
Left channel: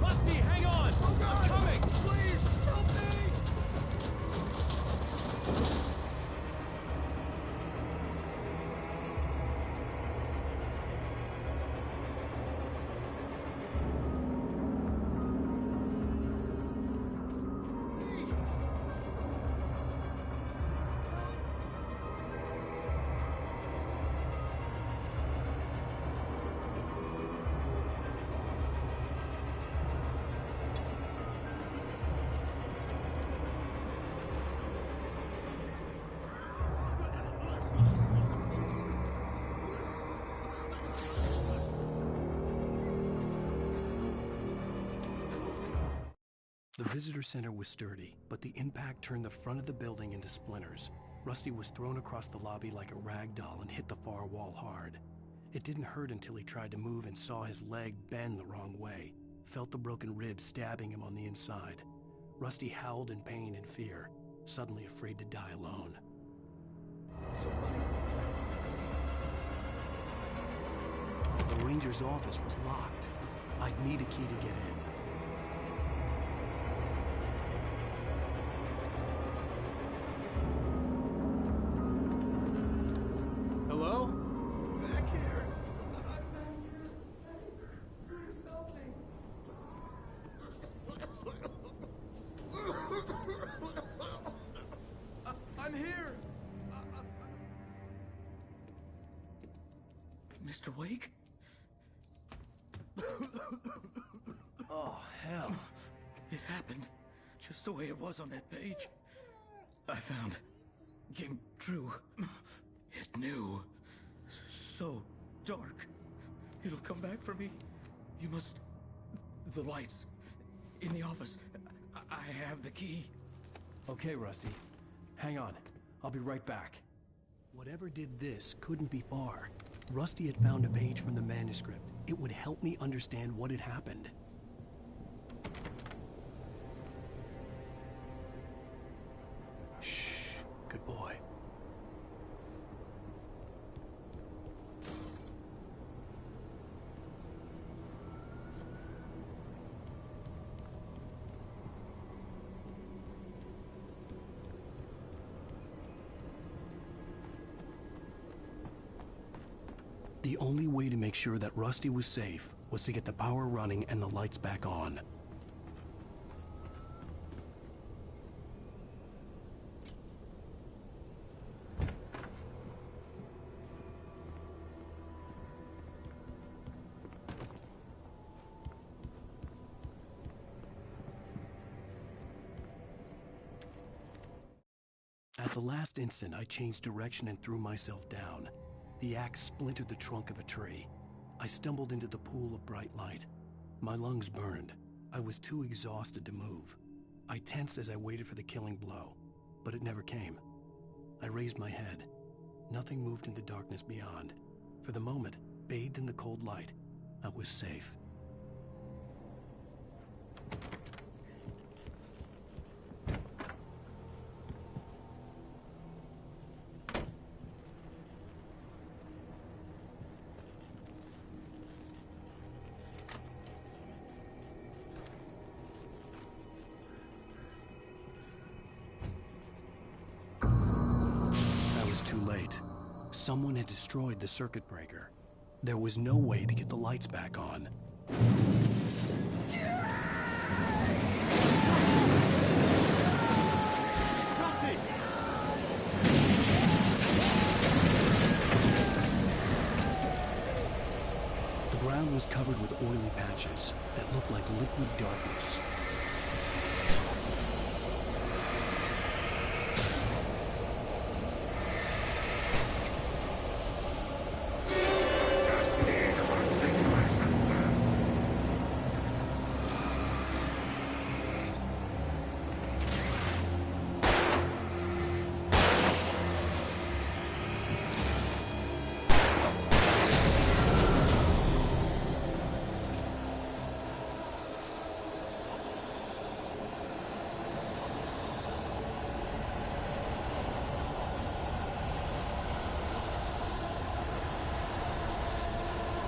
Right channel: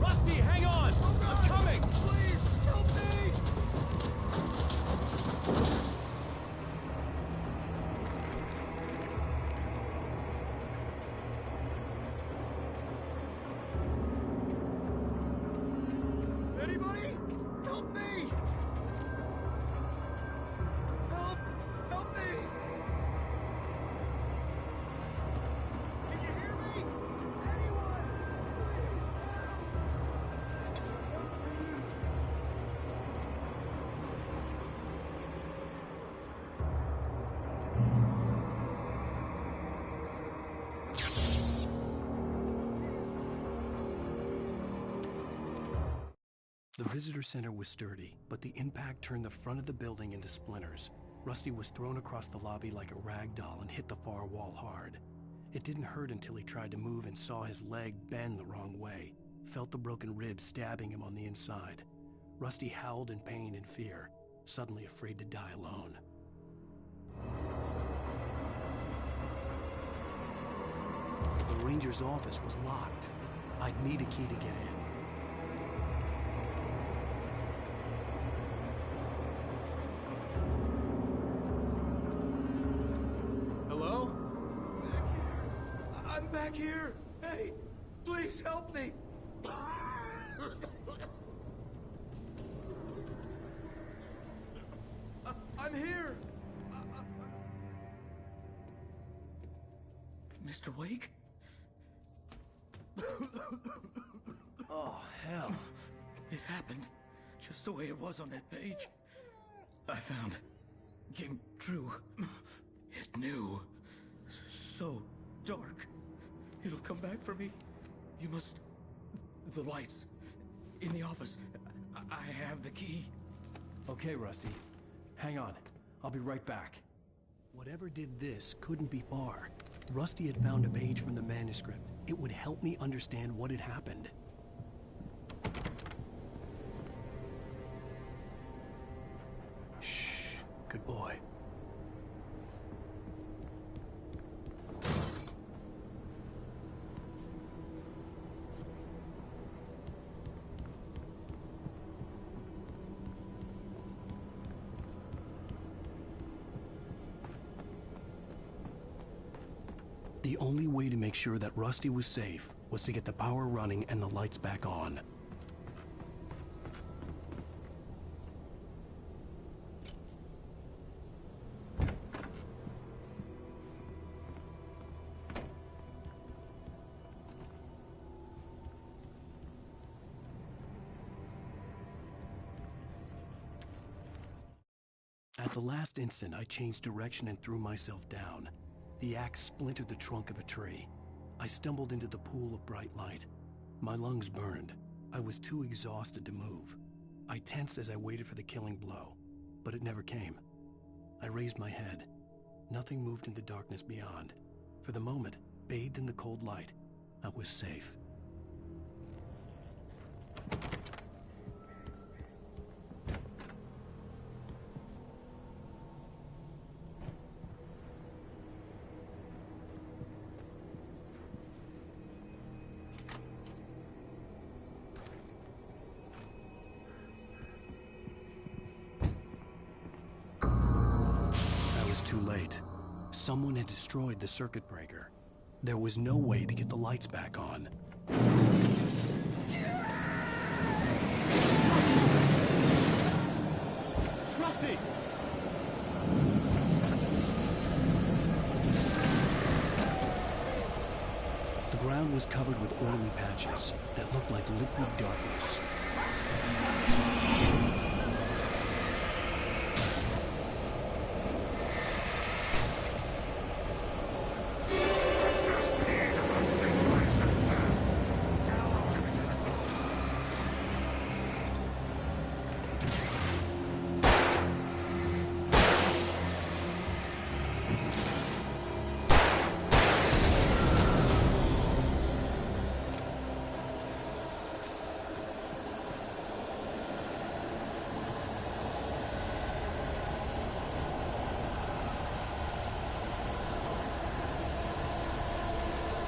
Rusty, hang on! I'm coming! Please, help me! Anybody? Help me! Help me! The visitor center was sturdy, but the impact turned the front of the building into splinters. Rusty was thrown across the lobby like a rag doll and hit the far wall hard. It didn't hurt until he tried to move and saw his leg bend the wrong way, felt the broken rib stabbing him on the inside. Rusty howled in pain and fear, suddenly afraid to die alone. The ranger's office was locked. I'd need a key to get in. Hello? Back here. I'm back here. Hey, please help me. I'm here. Mr. Wake? Oh, hell. It happened just the way it was on that page. I found. Came true. It knew. So dark. It'll come back for me. You must... The lights. In the office. I have the key. Okay, Rusty. Hang on. I'll be right back. Whatever did this couldn't be far. Rusty had found a page from the manuscript. It would help me understand what had happened. Shh. Good boy. The only way to make sure that Rusty was safe was to get the power running and the lights back on. At the last instant, I changed direction and threw myself down. The axe splintered the trunk of a tree. I stumbled into the pool of bright light. My lungs burned. I was too exhausted to move. I tensed as I waited for the killing blow, but it never came. I raised my head. Nothing moved in the darkness beyond. For the moment, bathed in the cold light, I was safe. Too late. Someone had destroyed the circuit breaker. There was no way to get the lights back on. Rusty! The ground was covered with oily patches that looked like liquid darkness.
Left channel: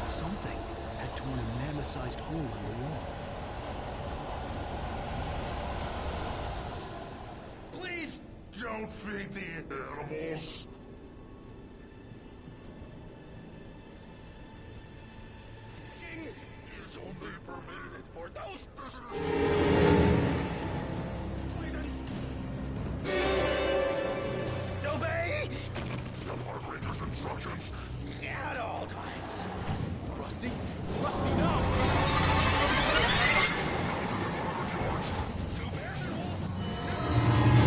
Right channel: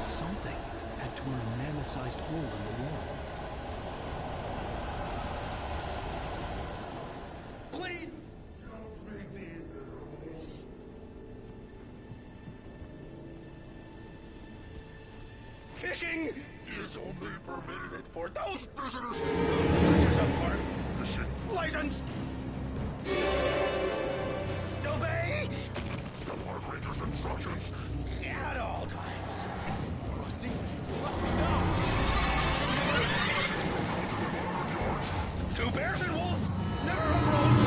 Something had torn a mammoth-sized hole in the wall. Please! Don't feed the animals! Fishing is only permitted for those visitors who purchase a farm fishing license! Obey the park ranger's instructions at all times. Rusty? Rusty, no! Two bears and wolves never approach.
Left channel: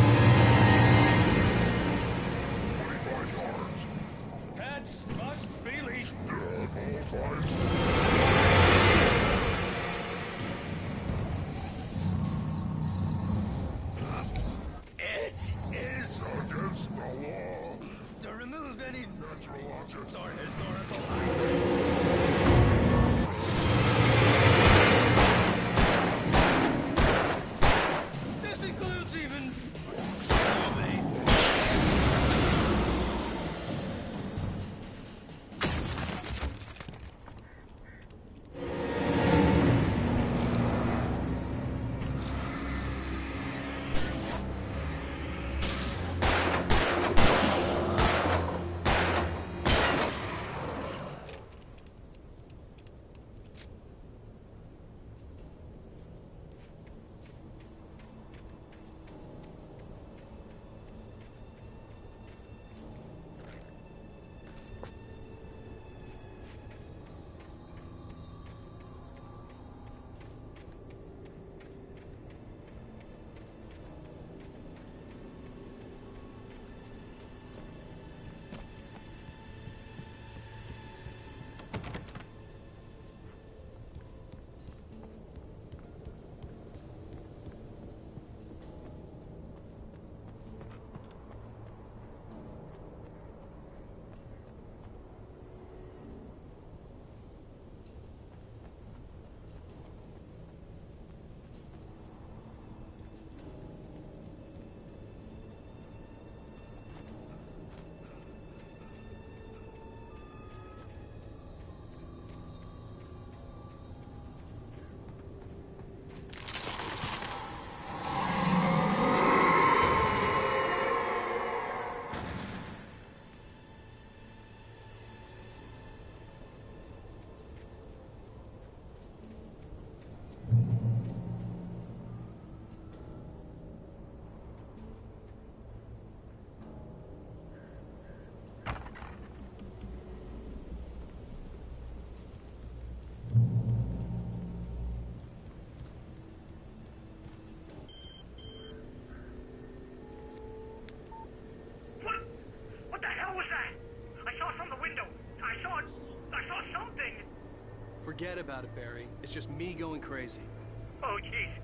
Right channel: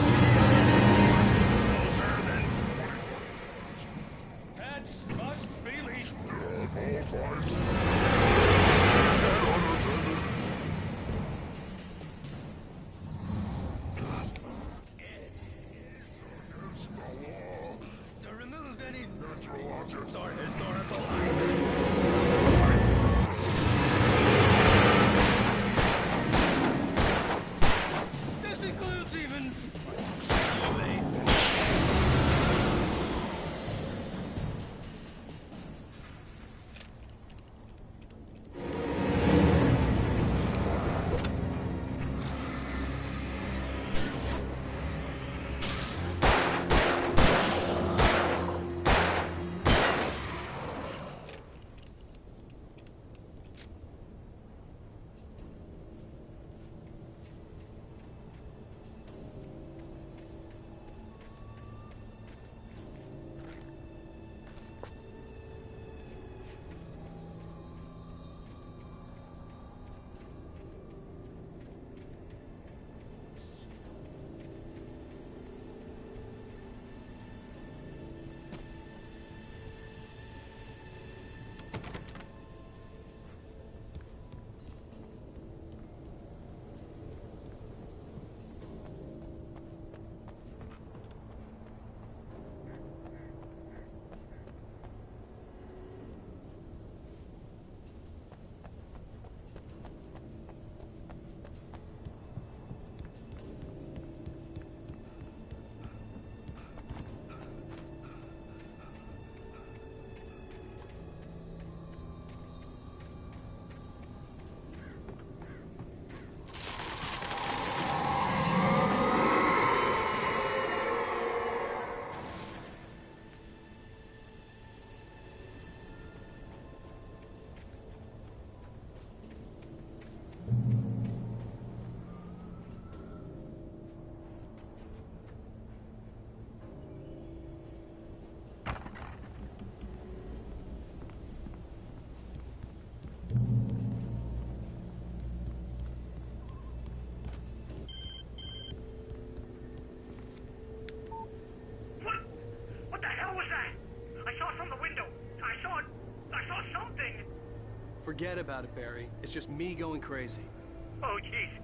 Pets must be leashed at all times. Forget about it, Barry. It's just me going crazy. Oh, jeez.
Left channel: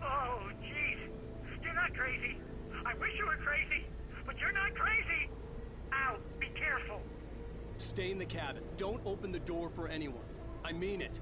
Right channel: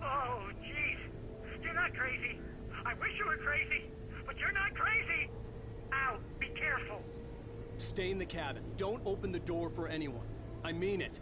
Oh, jeez. You're not crazy. I wish you were crazy, but you're not crazy. Ow, be careful. Stay in the cabin. Don't open the door for anyone. I mean it.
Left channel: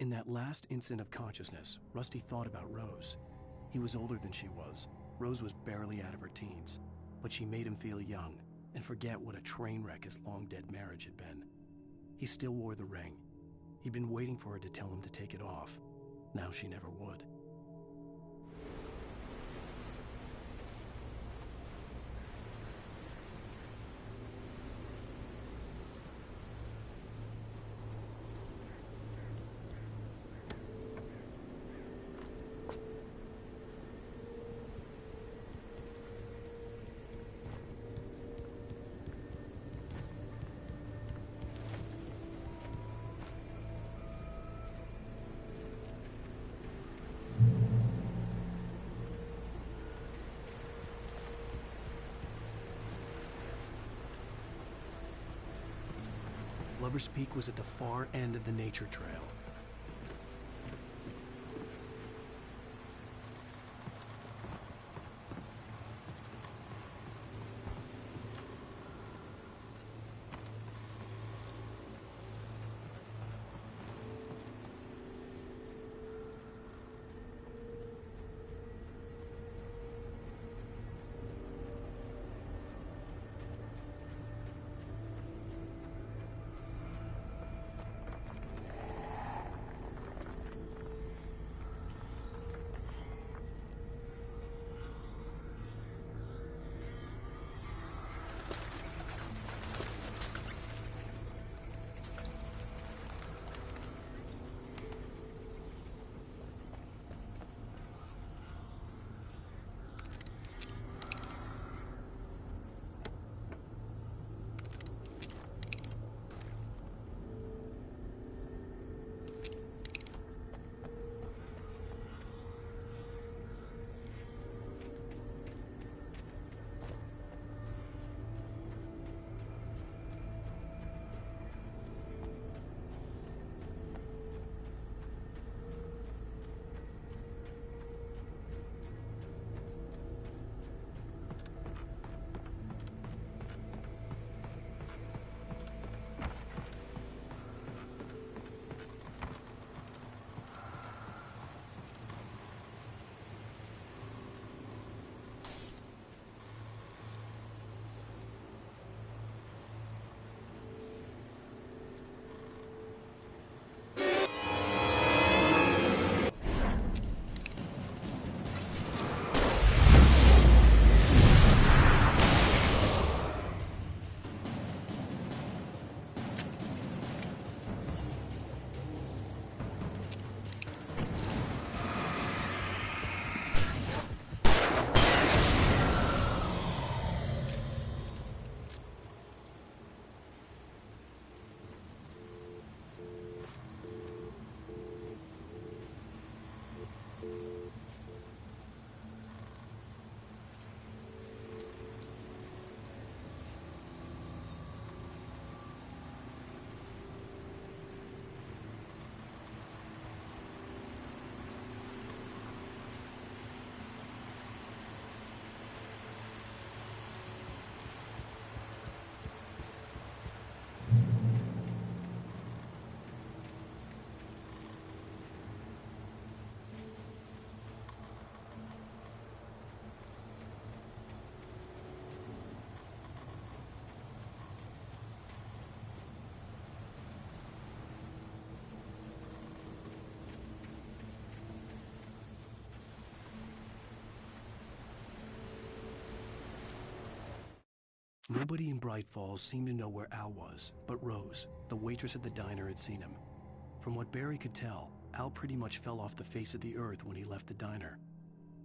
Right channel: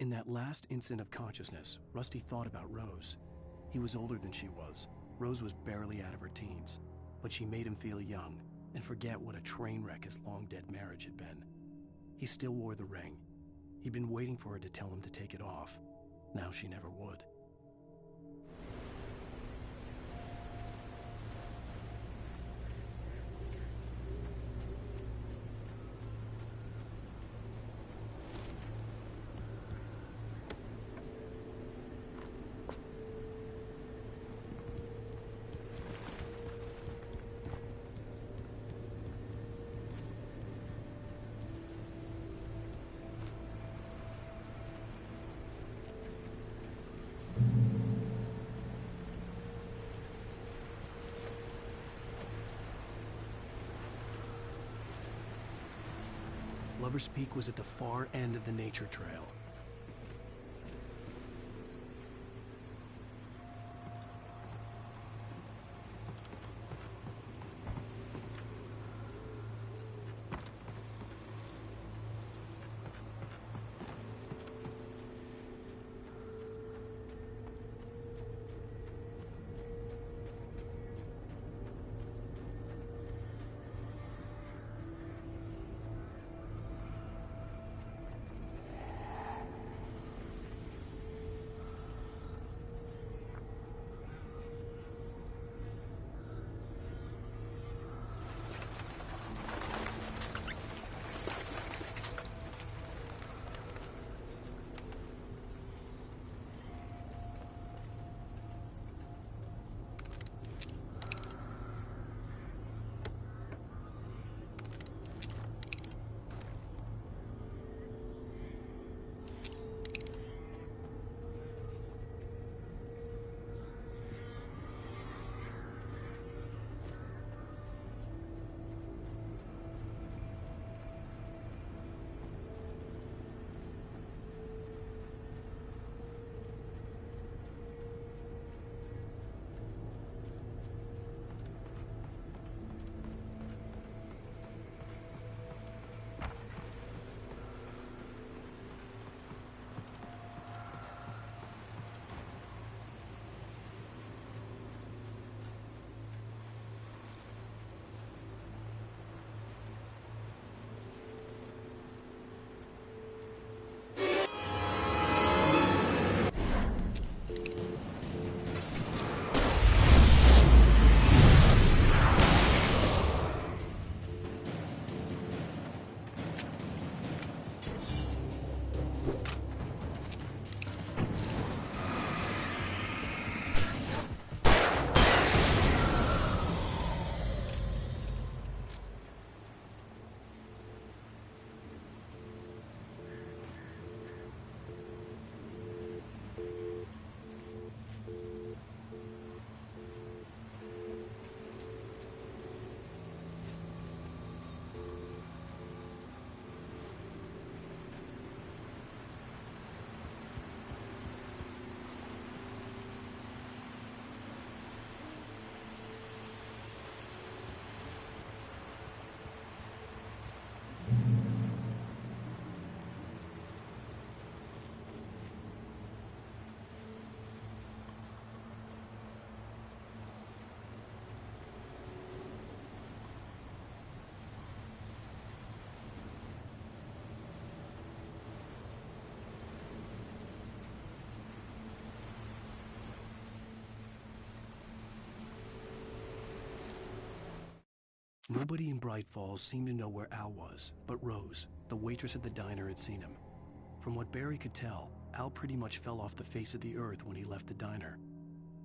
In that last instant of consciousness, Rusty thought about Rose. He was older than she was. Rose was barely out of her teens, but she made him feel young and forget what a train wreck his long-dead marriage had been. He still wore the ring. He'd been waiting for her to tell him to take it off. Now she never would. Lover's Peak was at the far end of the nature trail. Nobody in Bright Falls seemed to know where Al was, but Rose, the waitress at the diner, had seen him. From what Barry could tell, Al pretty much fell off the face of the earth when he left the diner.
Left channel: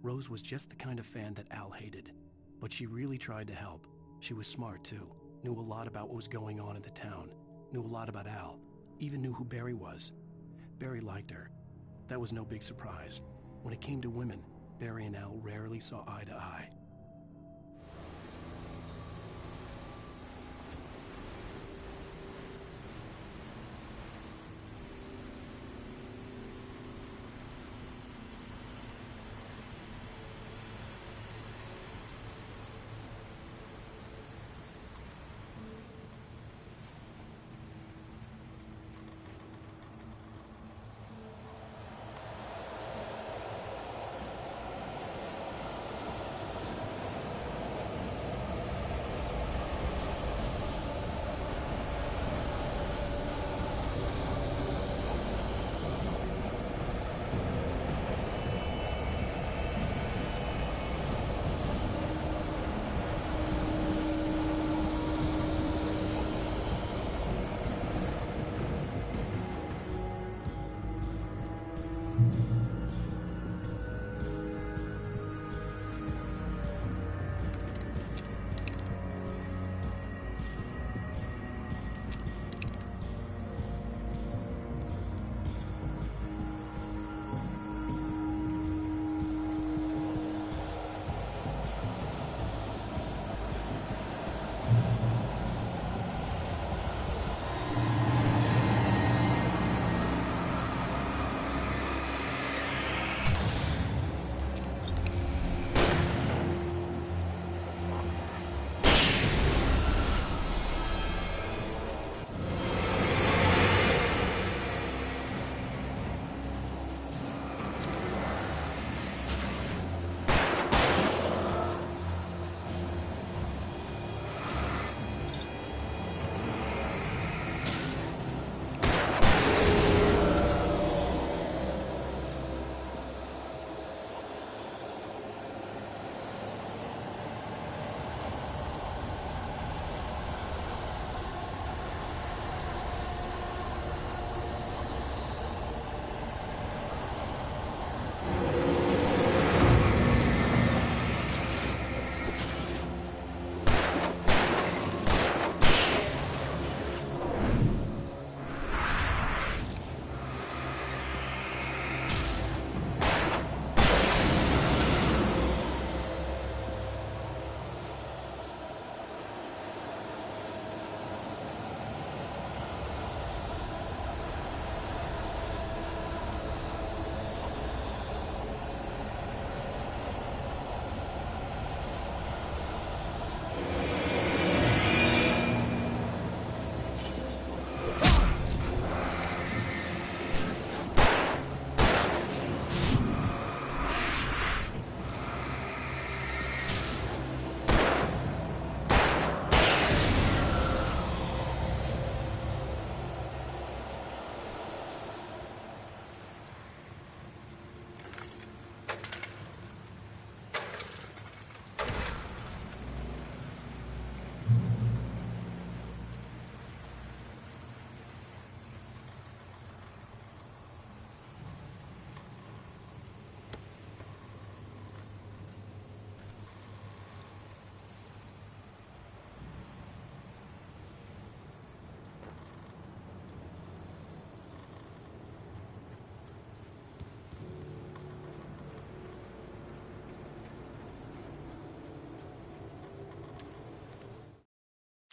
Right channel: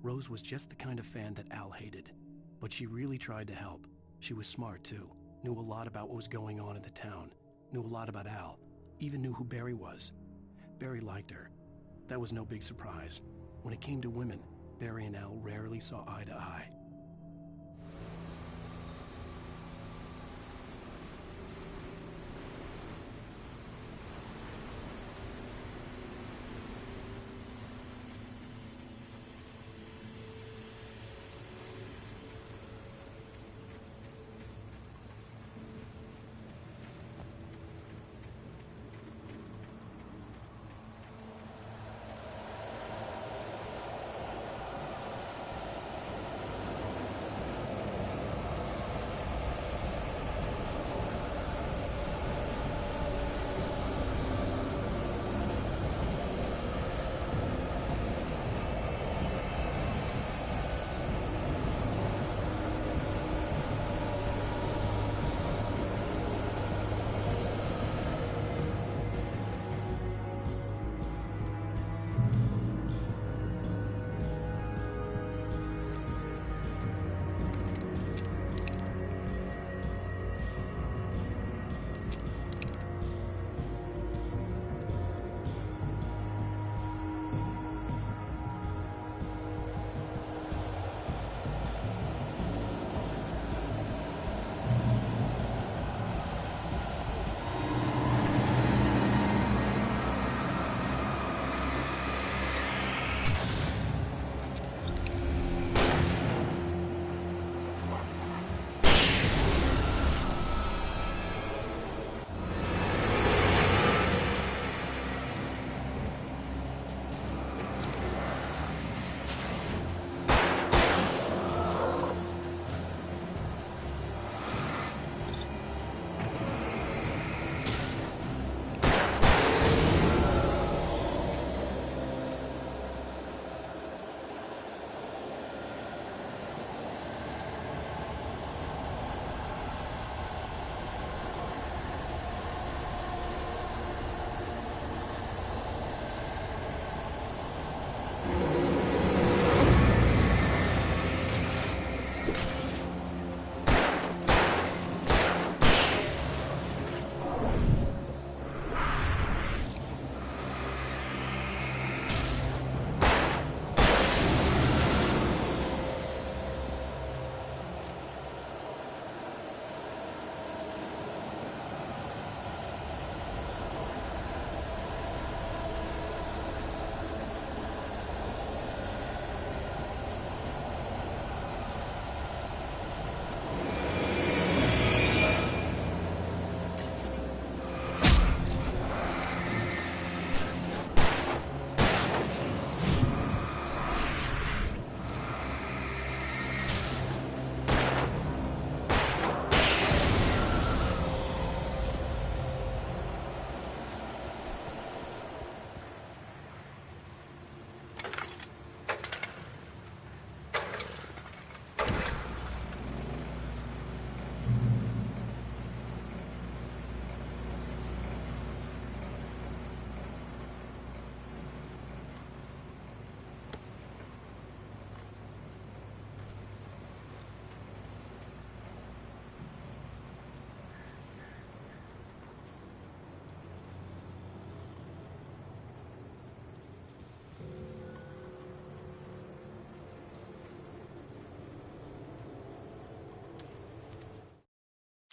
Rose was just the kind of fan that Al hated, but she really tried to help. She was smart, too, knew a lot about what was going on in the town, knew a lot about Al, even knew who Barry was. Barry liked her. That was no big surprise. When it came to women, Barry and Al rarely saw eye to eye.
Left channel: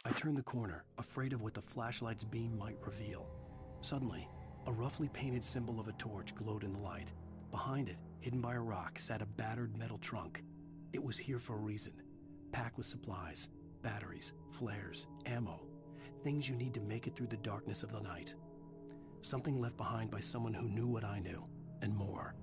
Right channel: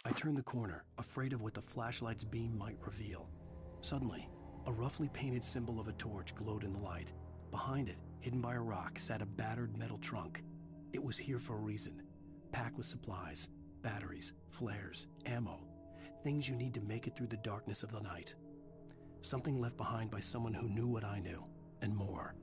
I turned the corner, afraid of what the flashlight's beam might reveal. Suddenly, a roughly painted symbol of a torch glowed in the light. Behind it, hidden by a rock, sat a battered metal trunk. It was here for a reason. Packed with supplies, batteries, flares, ammo. Things you need to make it through the darkness of the night. Something left behind by someone who knew what I knew, and more.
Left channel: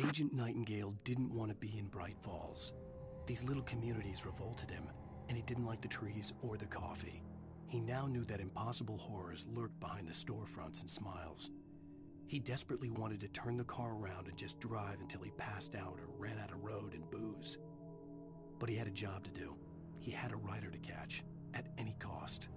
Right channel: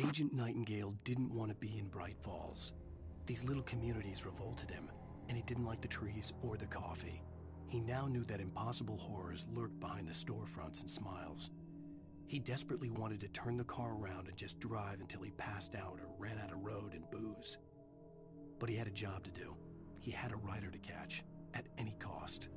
Agent Nightingale didn't want to be in Bright Falls. These little communities revolted him, and he didn't like the trees or the coffee. He now knew that impossible horrors lurked behind the storefronts and smiles. He desperately wanted to turn the car around and just drive until he passed out or ran out of road and booze. But he had a job to do. He had a rider to catch, at any cost.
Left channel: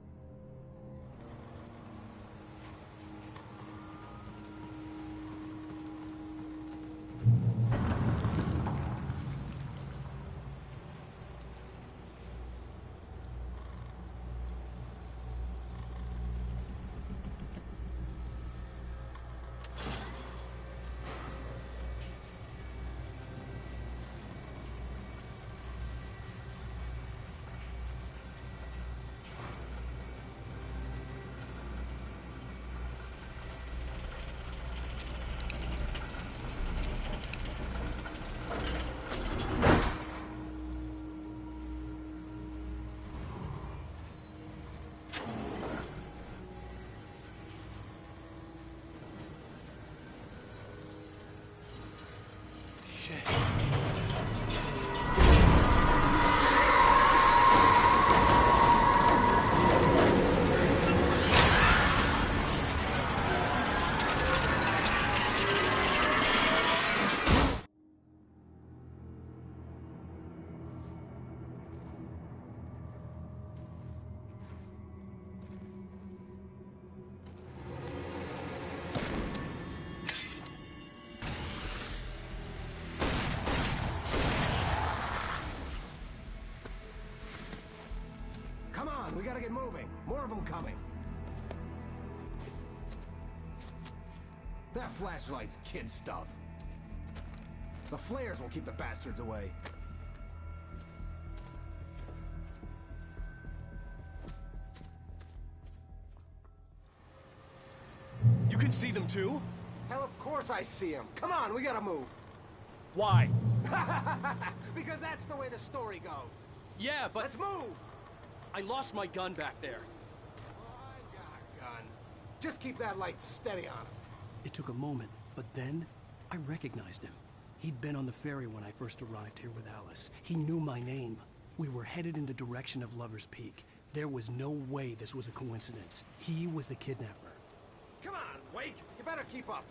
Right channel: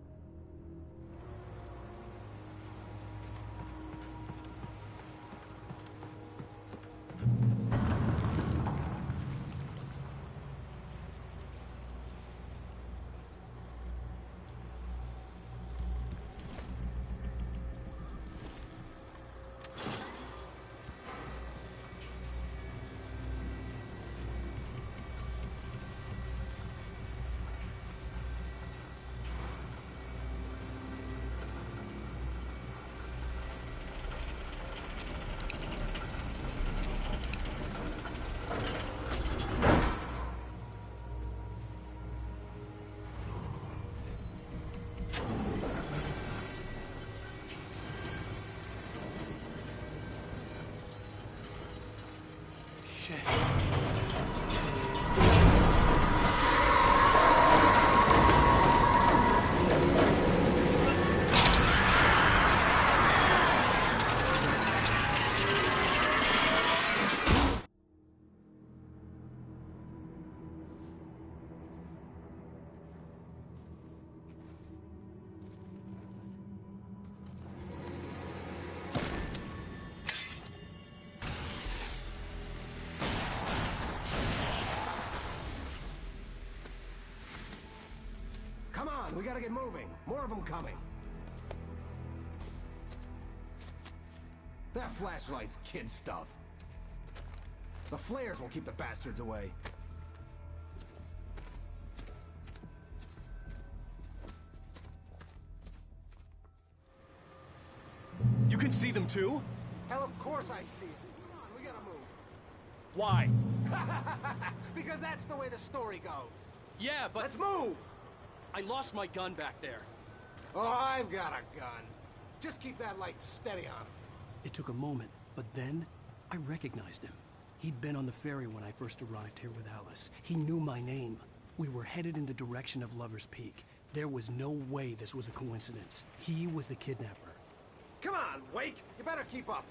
Come on, we gotta get moving. More of them coming. That flashlight's kid stuff. The flares will keep the bastards away. You can see them too? Hell, of course I see them. Come on, we gotta move. Why? Because that's the way the story goes. Yeah, but... Let's move! I lost my gun back there. Oh, I've got a gun. Just keep that light steady on him. It took a moment, but then I recognized him. He'd been on the ferry when I first arrived here with Alice. He knew my name. We were headed in the direction of Lover's Peak. There was no way this was a coincidence. He was the kidnapper. Come on, Wake! You better keep up.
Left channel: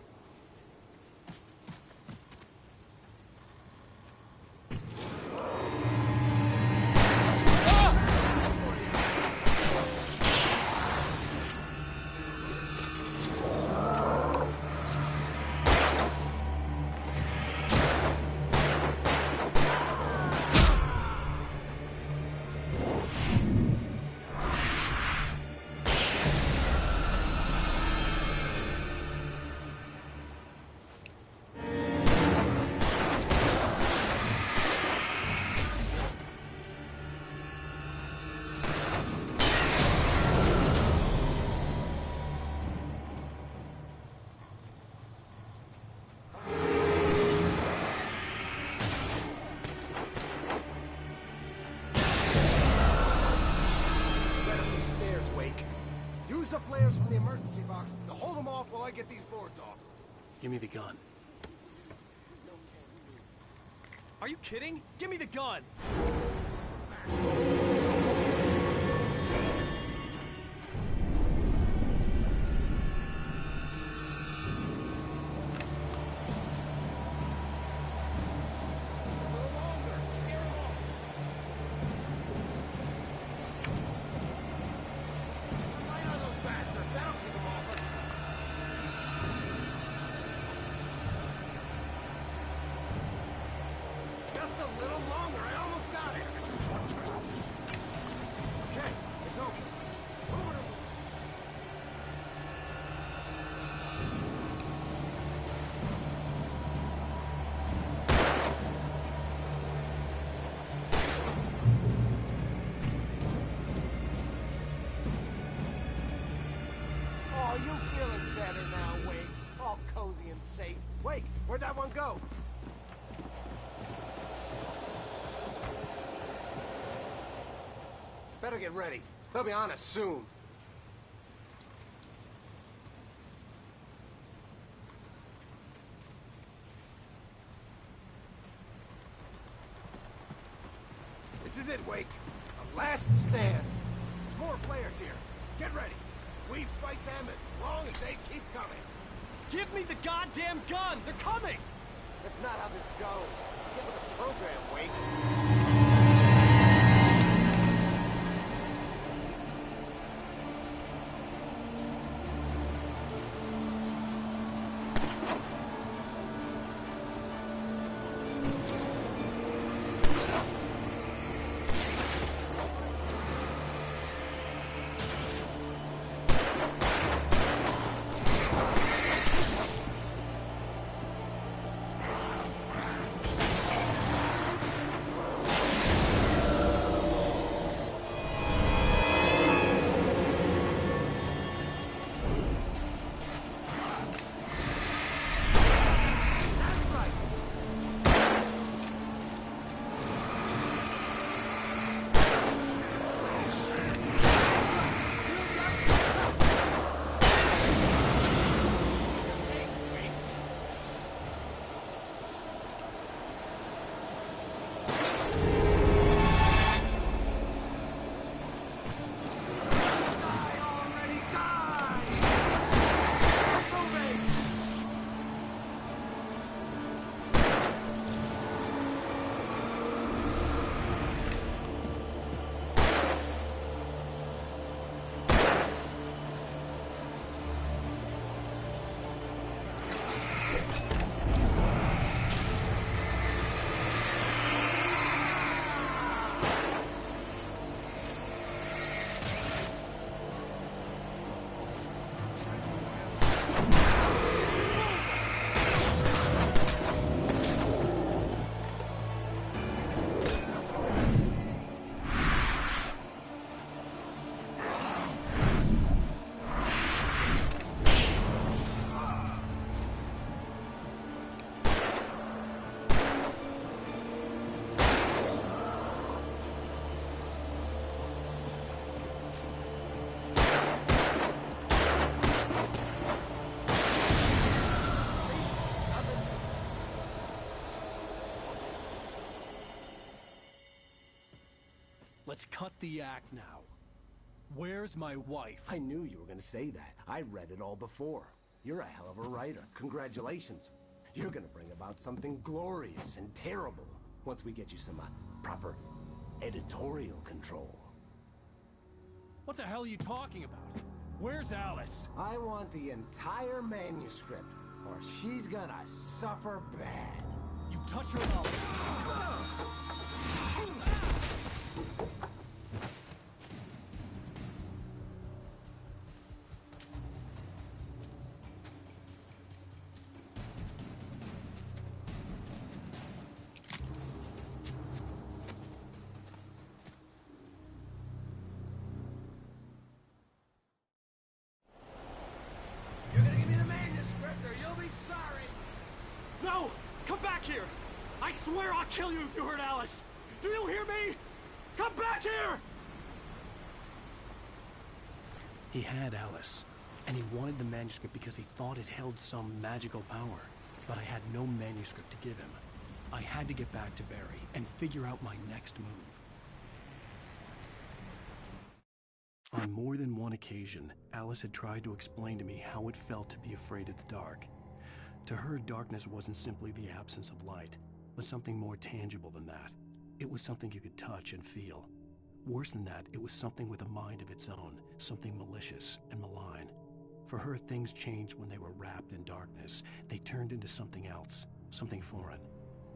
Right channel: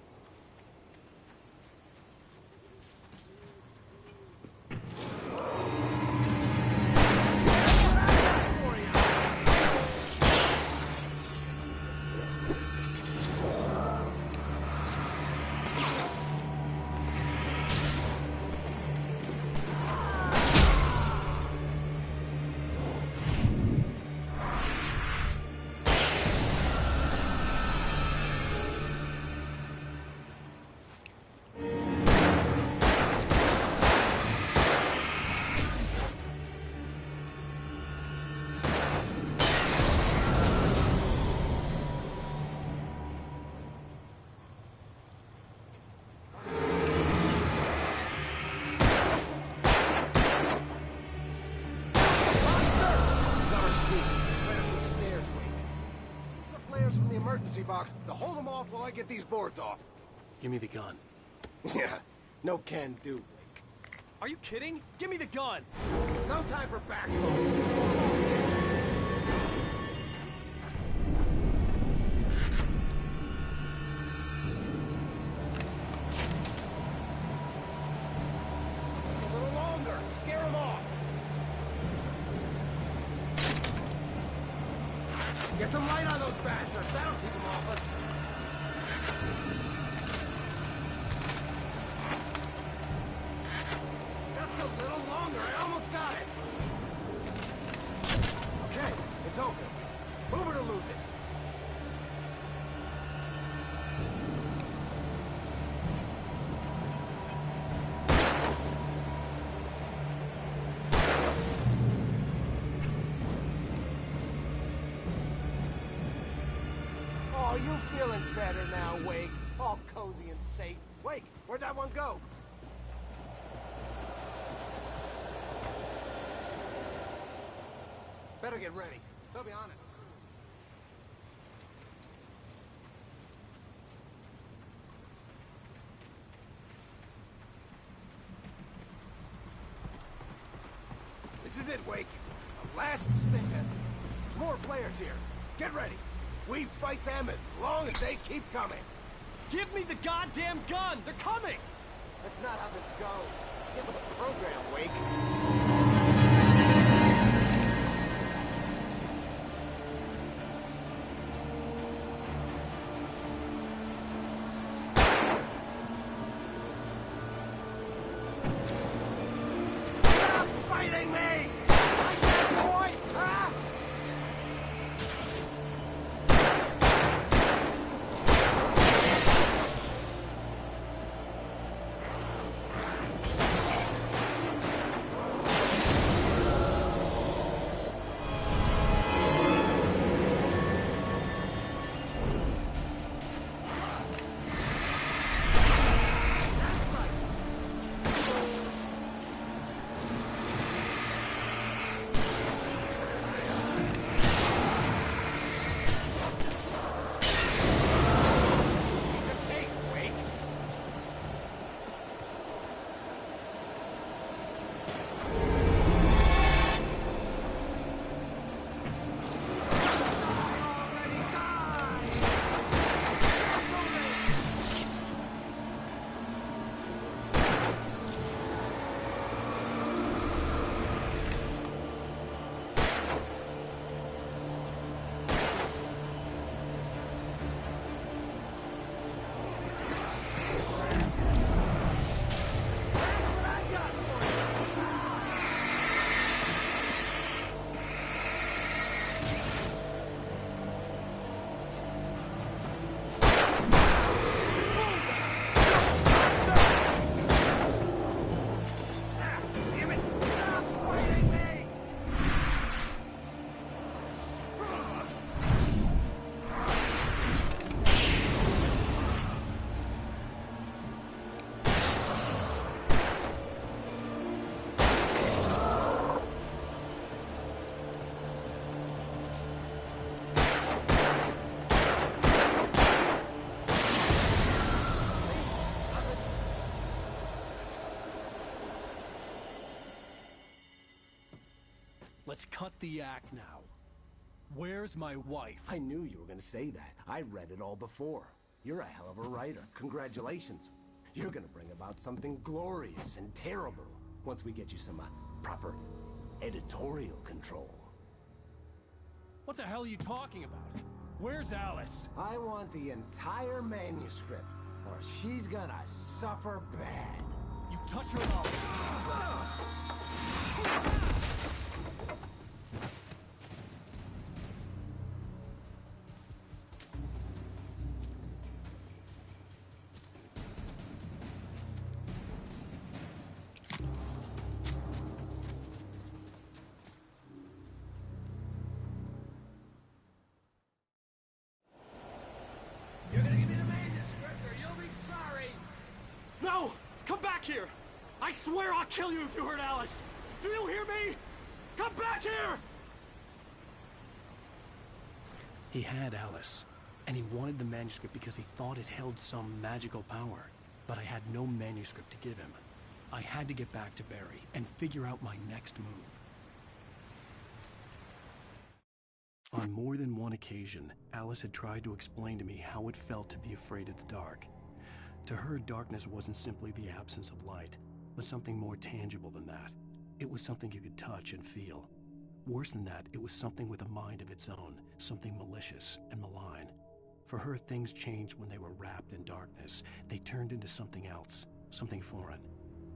The flares from the emergency box to hold them off while I get these boards off. Give me the gun. Yeah, no can do, Wake. Are you kidding? Give me the gun! No time for back talk. A little longer. Scare them off. Get some light on those bastards. That'll keep them off us. Just a little longer. I almost got it. Okay, it's open. Move it or lose it. Oh, you feeling better now, Wake? All cozy and safe. Wake, where'd that one go? Better get ready. They'll be on us soon. is it, Wake. The last stand. There's more players here. Get ready. We fight them as long as they keep coming. Give me the goddamn gun! They're coming! That's not how this goes. Get with the program, Wake. Let's cut the act now. Where's my wife? I knew you were gonna say that. I read it all before. You're a hell of a writer. Congratulations. You're gonna bring about something glorious and terrible once we get you some proper editorial control. What the hell are you talking about? Where's Alice? I want the entire manuscript, or she's gonna suffer bad. You touch her and I'll... You're gonna give me the manuscript, or you'll be sorry. No! Come back here! I swear I'll kill you if you hurt Alice! Do you hear me? Come back here! He had Alice, and he wanted the manuscript because he thought it held some magical power. But I had no manuscript to give him. I had to get back to Barry and figure out my next move. On more than one occasion, Alice had tried to explain to me how it felt to be afraid of the dark. To her, darkness wasn't simply the absence of light, but something more tangible than that. It was something you could touch and feel. Worse than that, it was something with a mind of its own, something malicious and malign. For her, things changed when they were wrapped in darkness. They turned into something else, something foreign,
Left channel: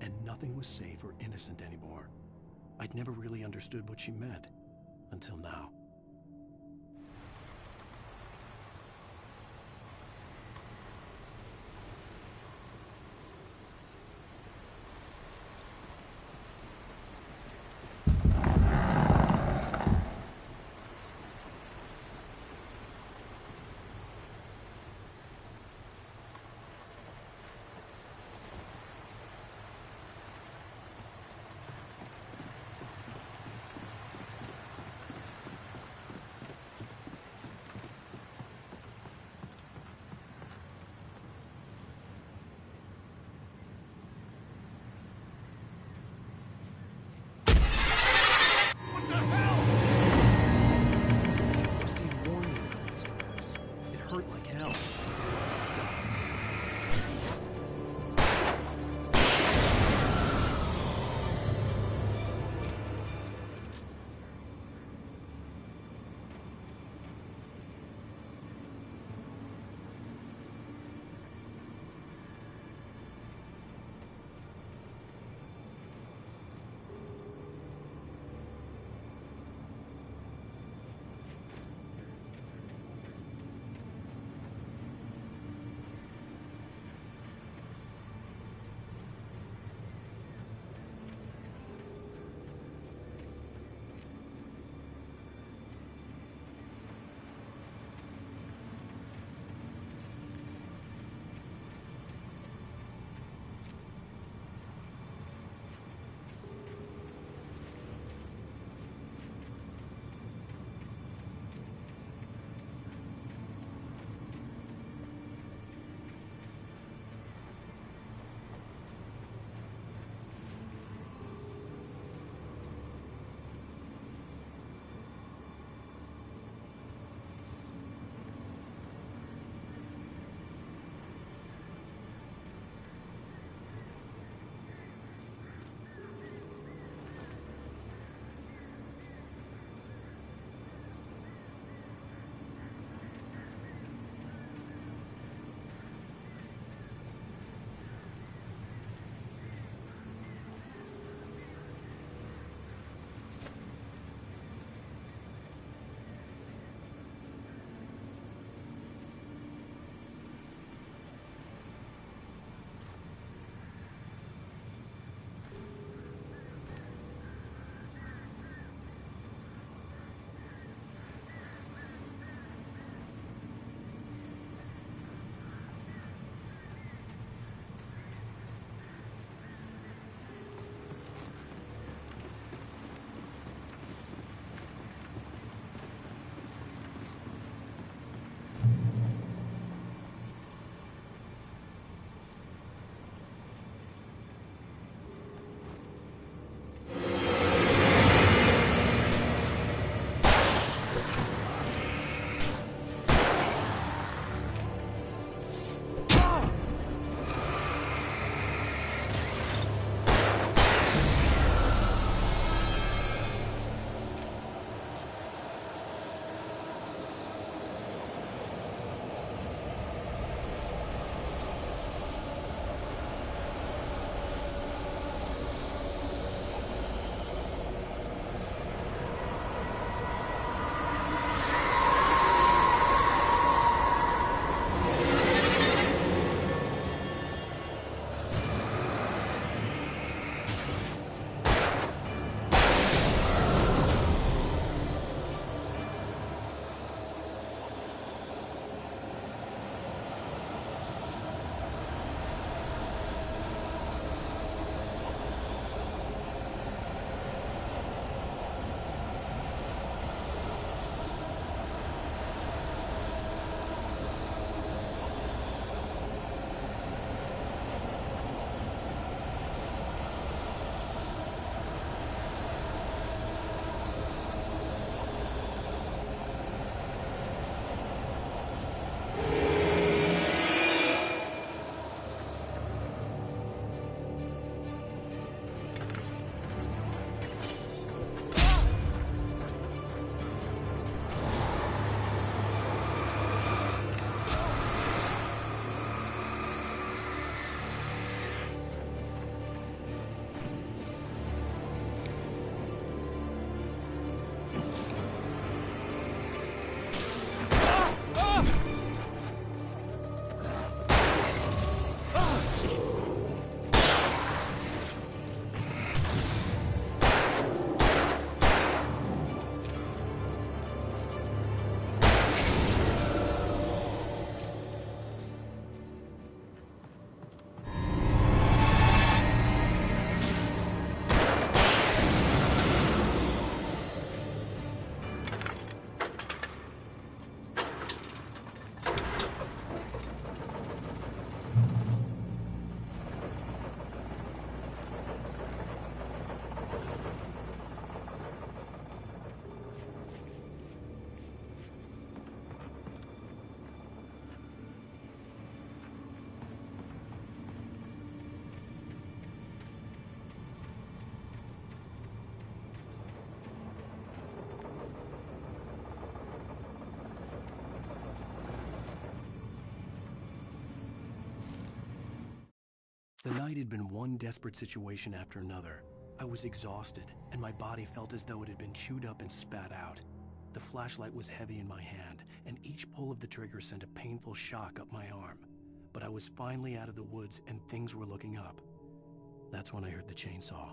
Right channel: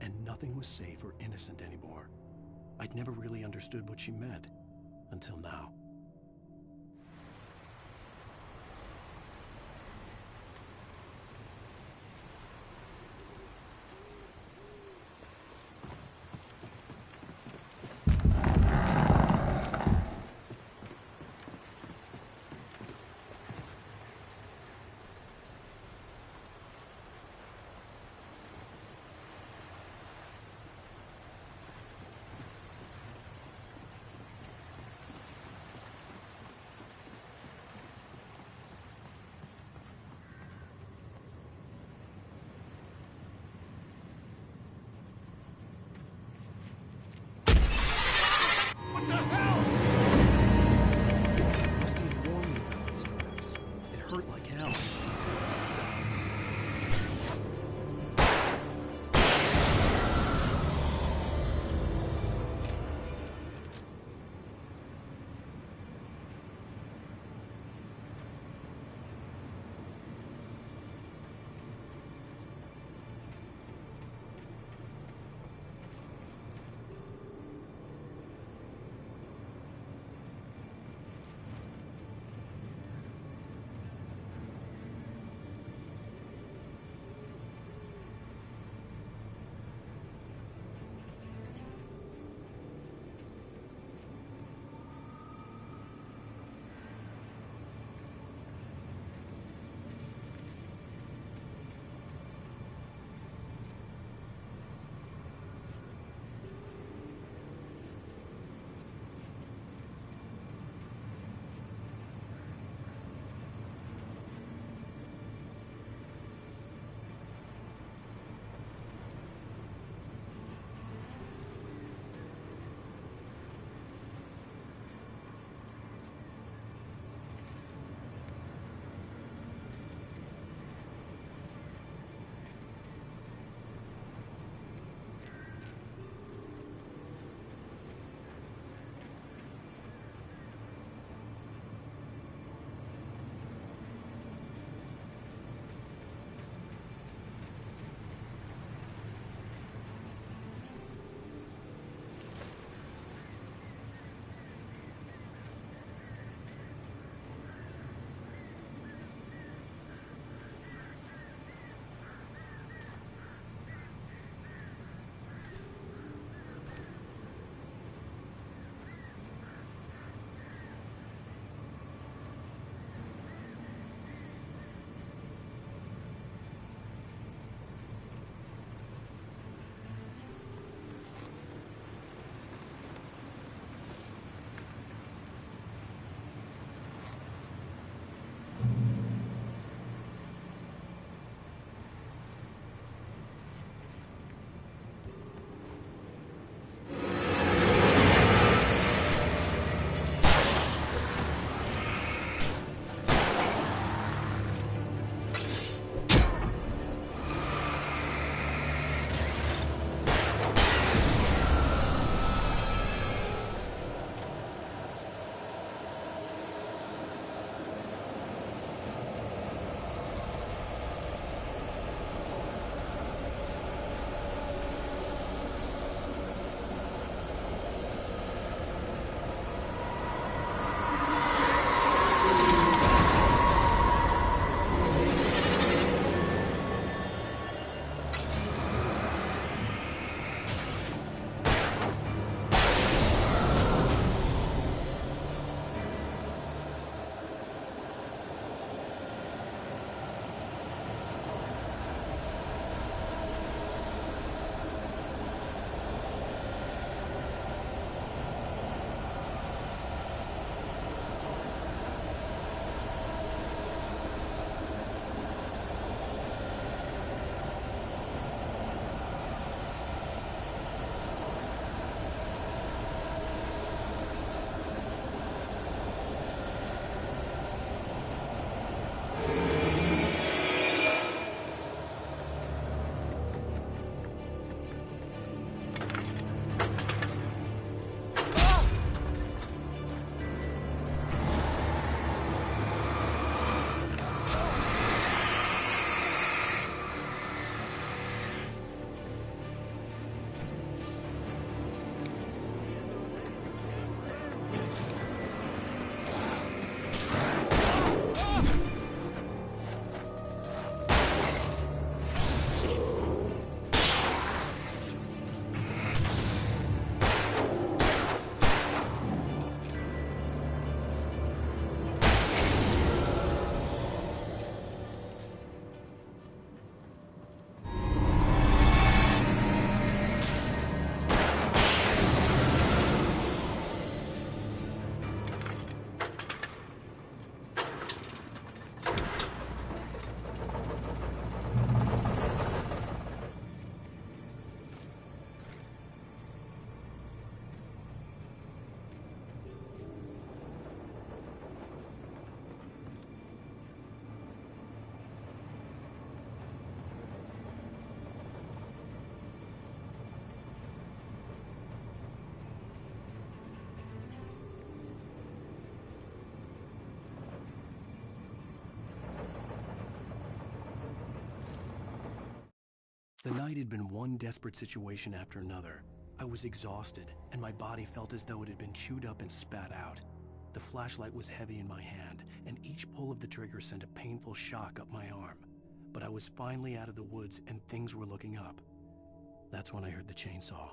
and nothing was safe or innocent anymore. I'd never really understood what she meant, until now. The night had been one desperate situation after another. I was exhausted, and my body felt as though it had been chewed up and spat out. The flashlight was heavy in my hand, and each pull of the trigger sent a painful shock up my arm. But I was finally out of the woods, and things were looking up. That's when I heard the chainsaw.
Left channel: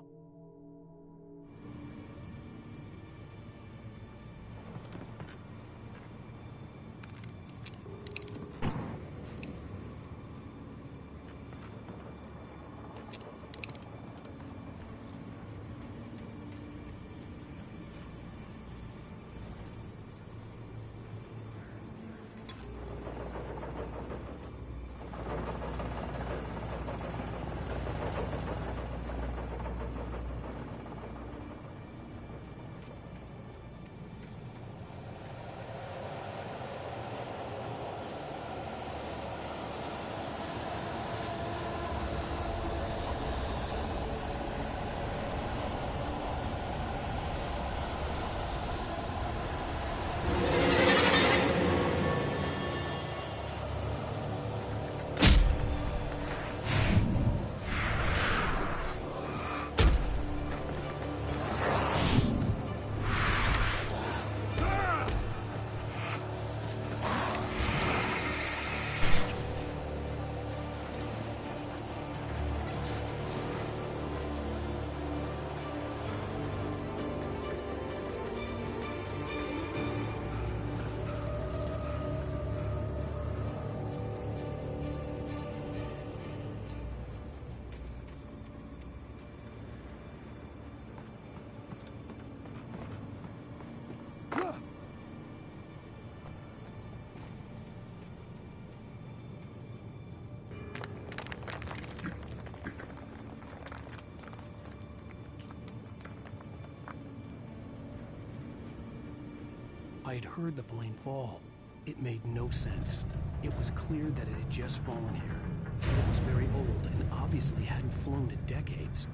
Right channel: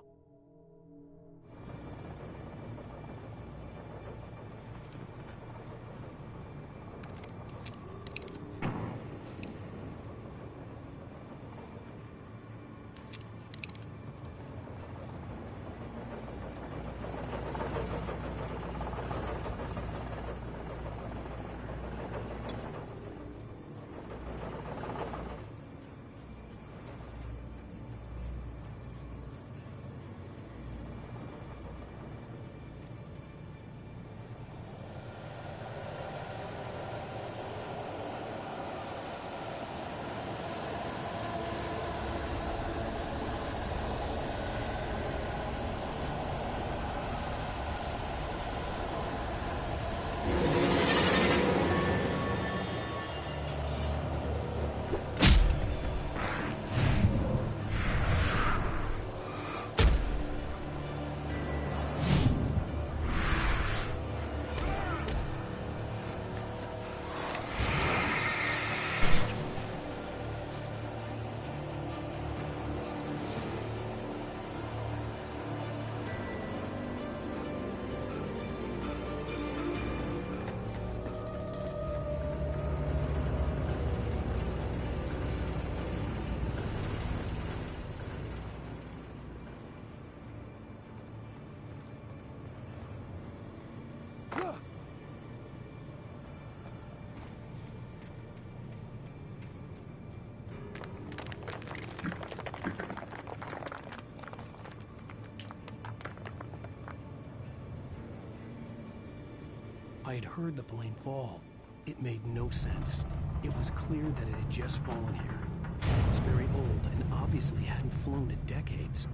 I had heard the plane fall. It made no sense. It was clear that it had just fallen here. It was very old and obviously hadn't flown in decades.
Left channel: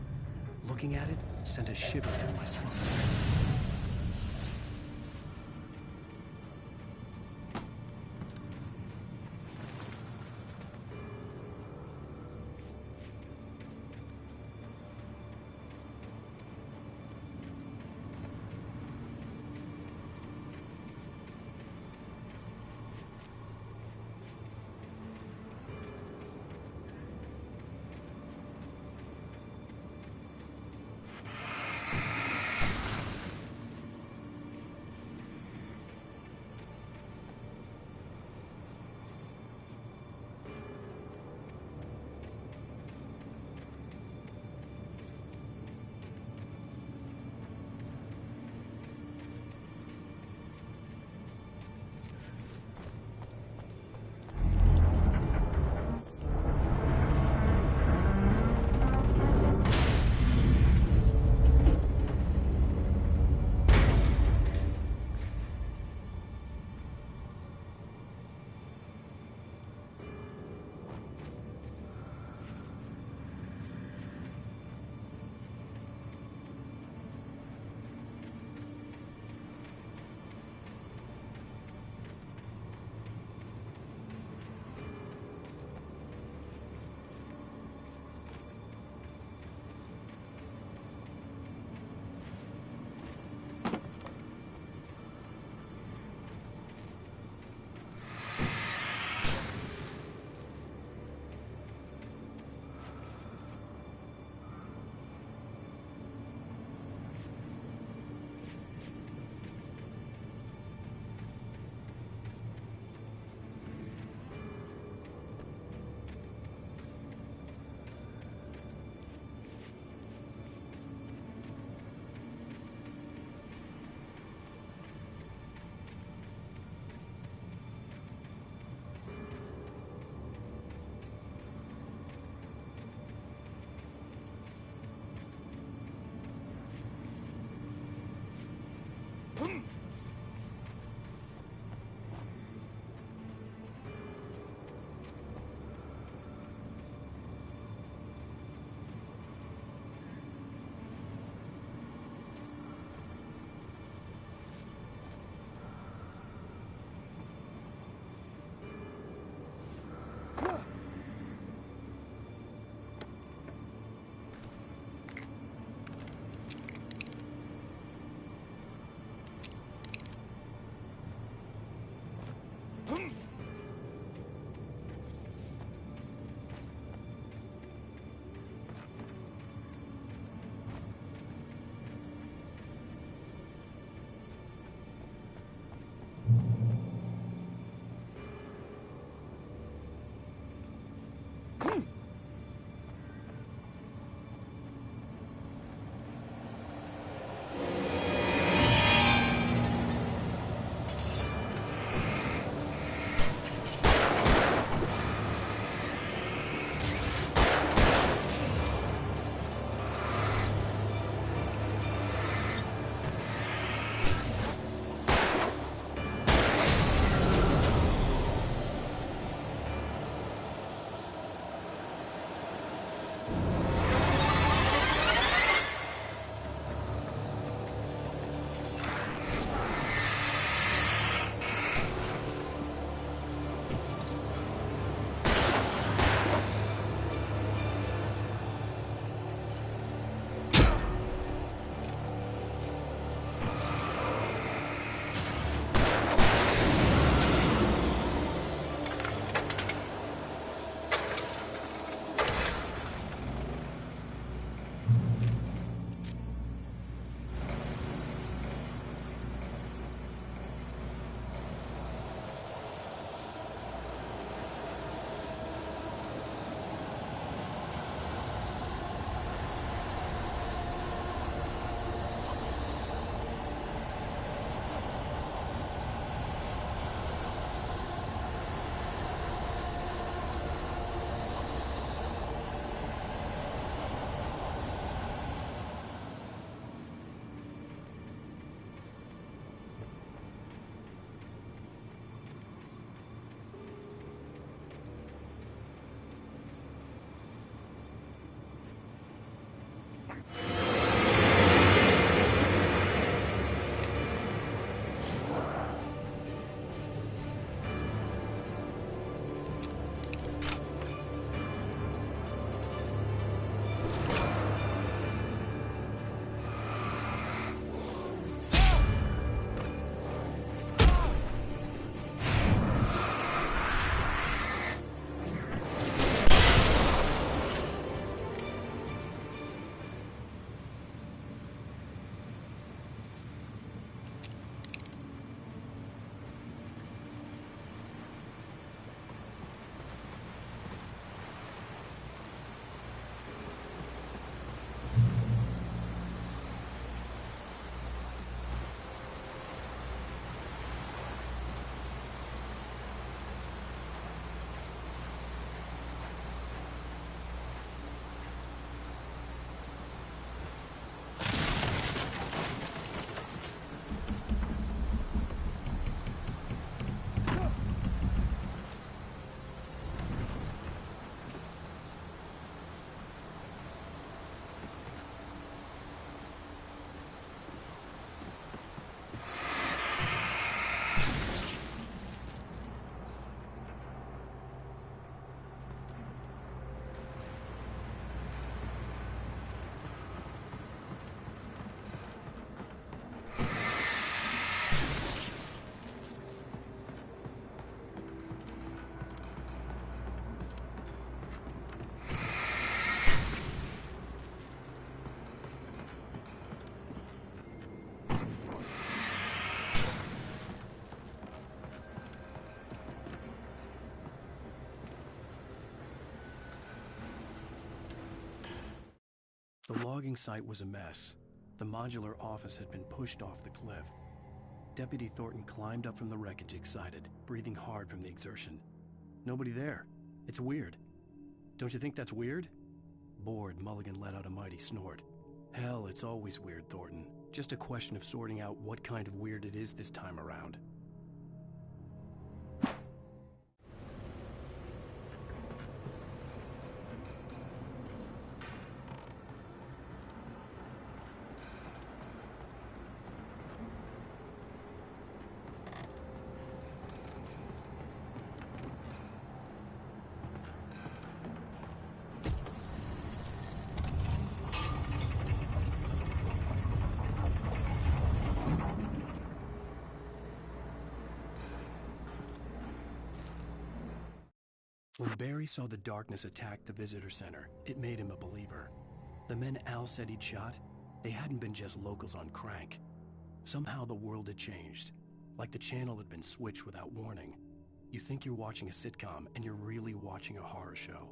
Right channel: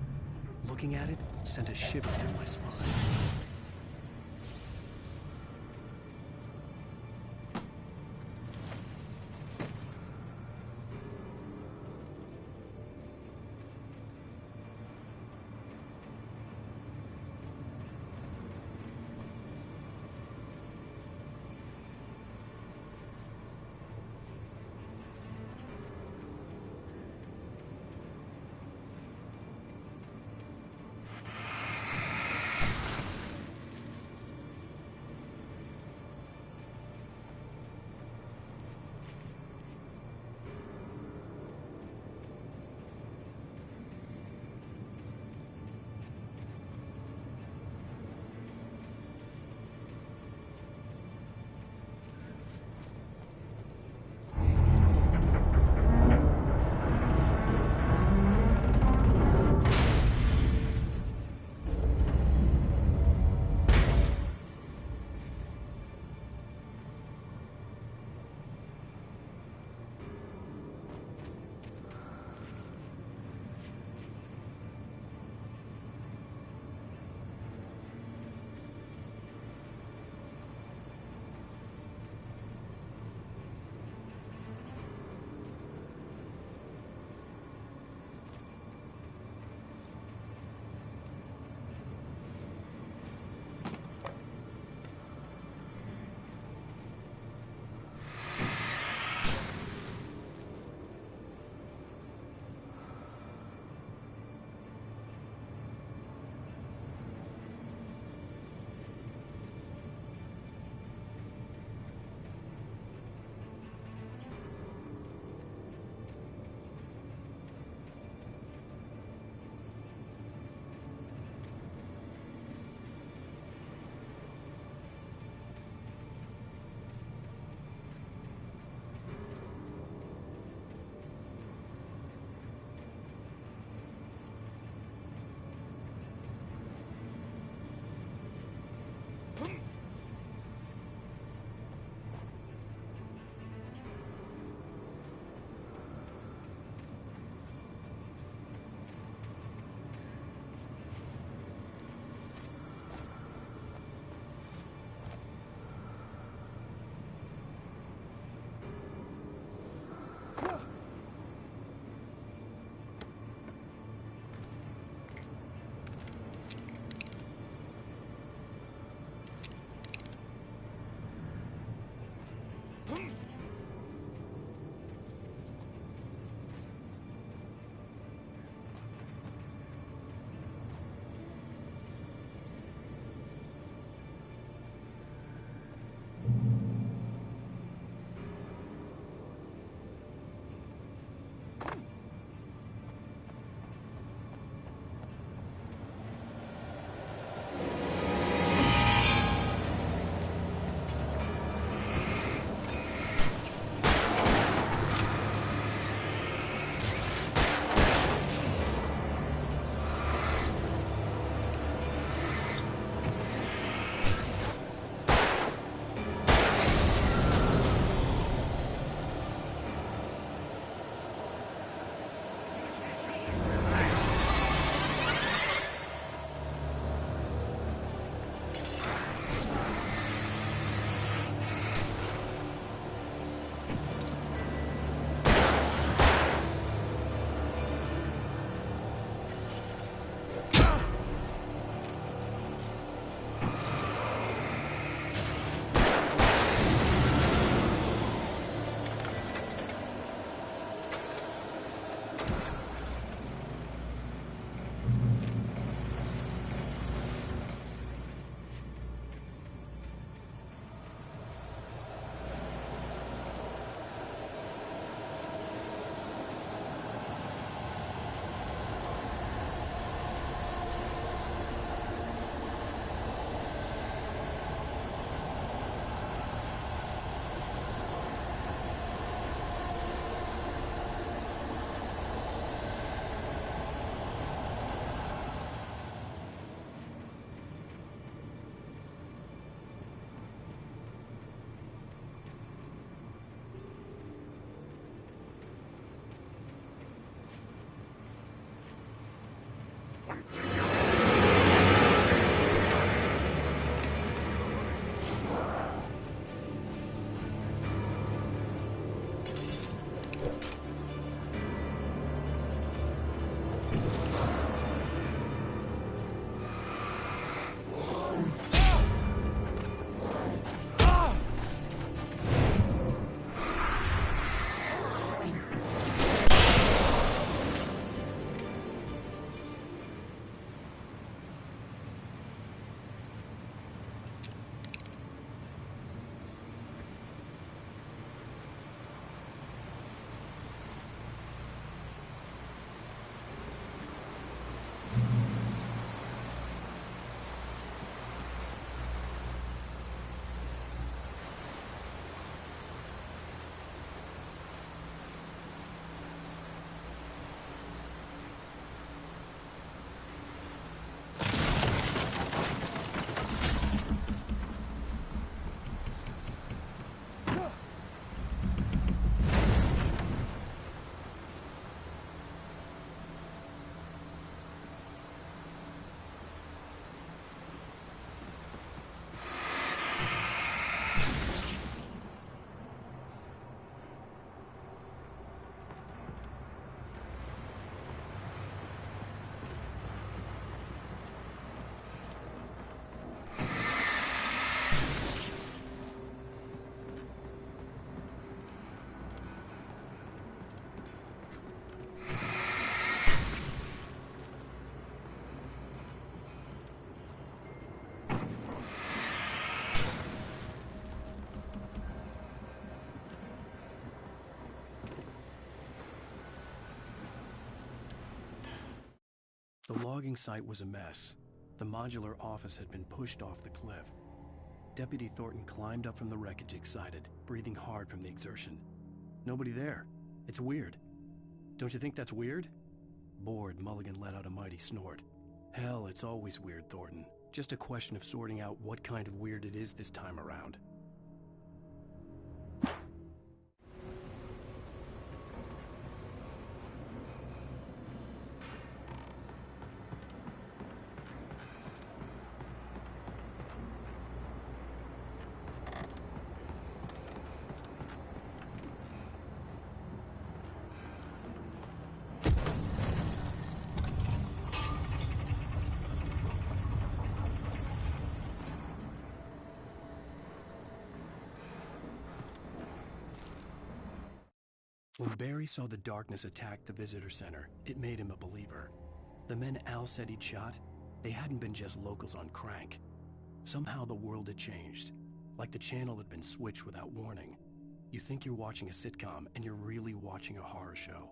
Looking at it sent a shiver down my spine. The logging site was a mess. The modular office had been pushed off the cliff. Deputy Thornton climbed up from the wreckage excited, breathing hard from the exertion. Nobody there. It's weird. Don't you think that's weird? Bored, Mulligan let out a mighty snort. Hell, it's always weird, Thornton. Just a question of sorting out what kind of weird it is this time around. When Barry saw the darkness attack the visitor center, it made him a believer. The men Al said he'd shot, they hadn't been just locals on crank. Somehow the world had changed, like the channel had been switched without warning. You think you're watching a sitcom, and you're really watching a horror show.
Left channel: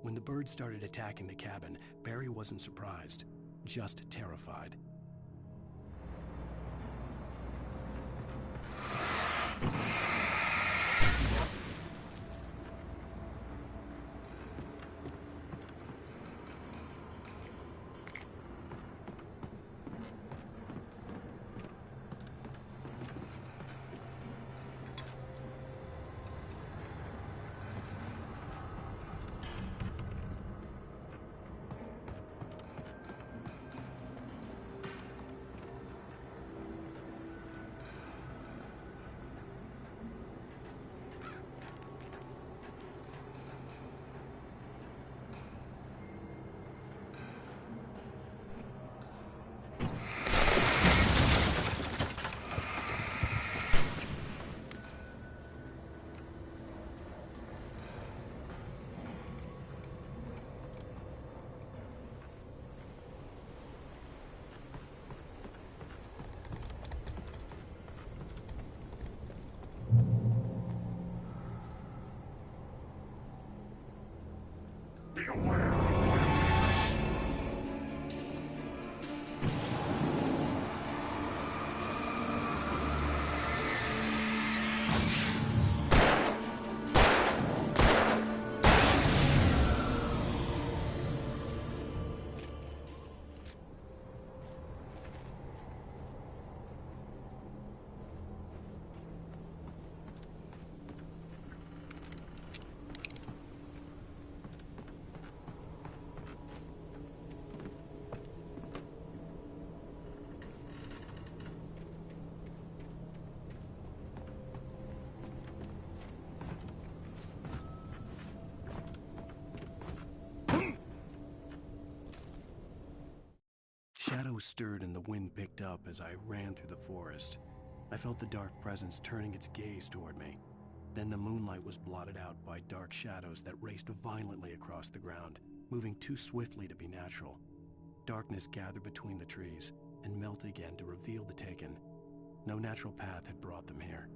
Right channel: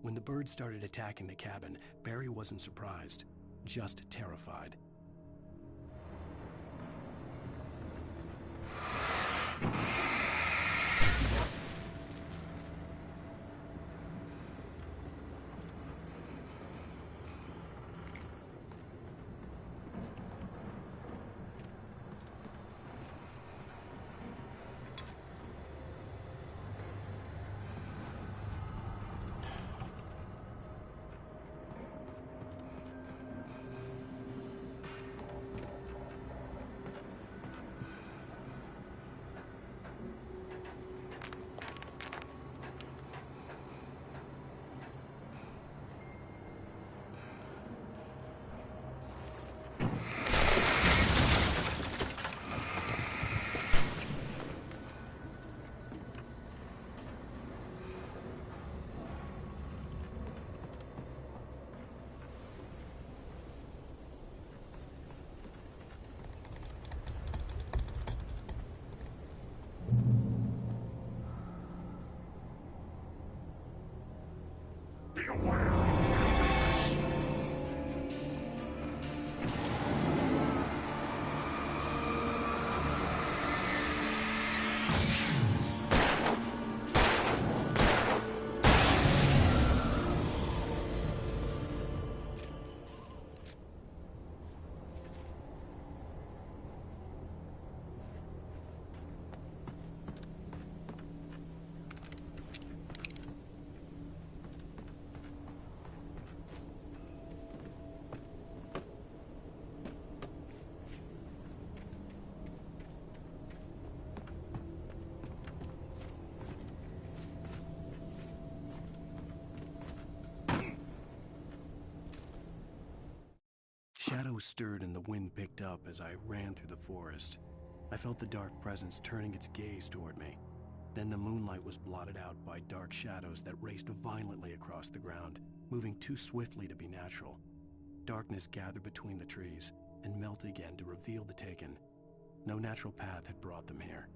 When the birds started attacking the cabin, Barry wasn't surprised, just terrified. shadows stirred and the wind picked up as I ran through the forest. I felt the dark presence turning its gaze toward me. Then the moonlight was blotted out by dark shadows that raced violently across the ground, moving too swiftly to be natural. Darkness gathered between the trees and melted again to reveal the Taken. No natural path had brought them here.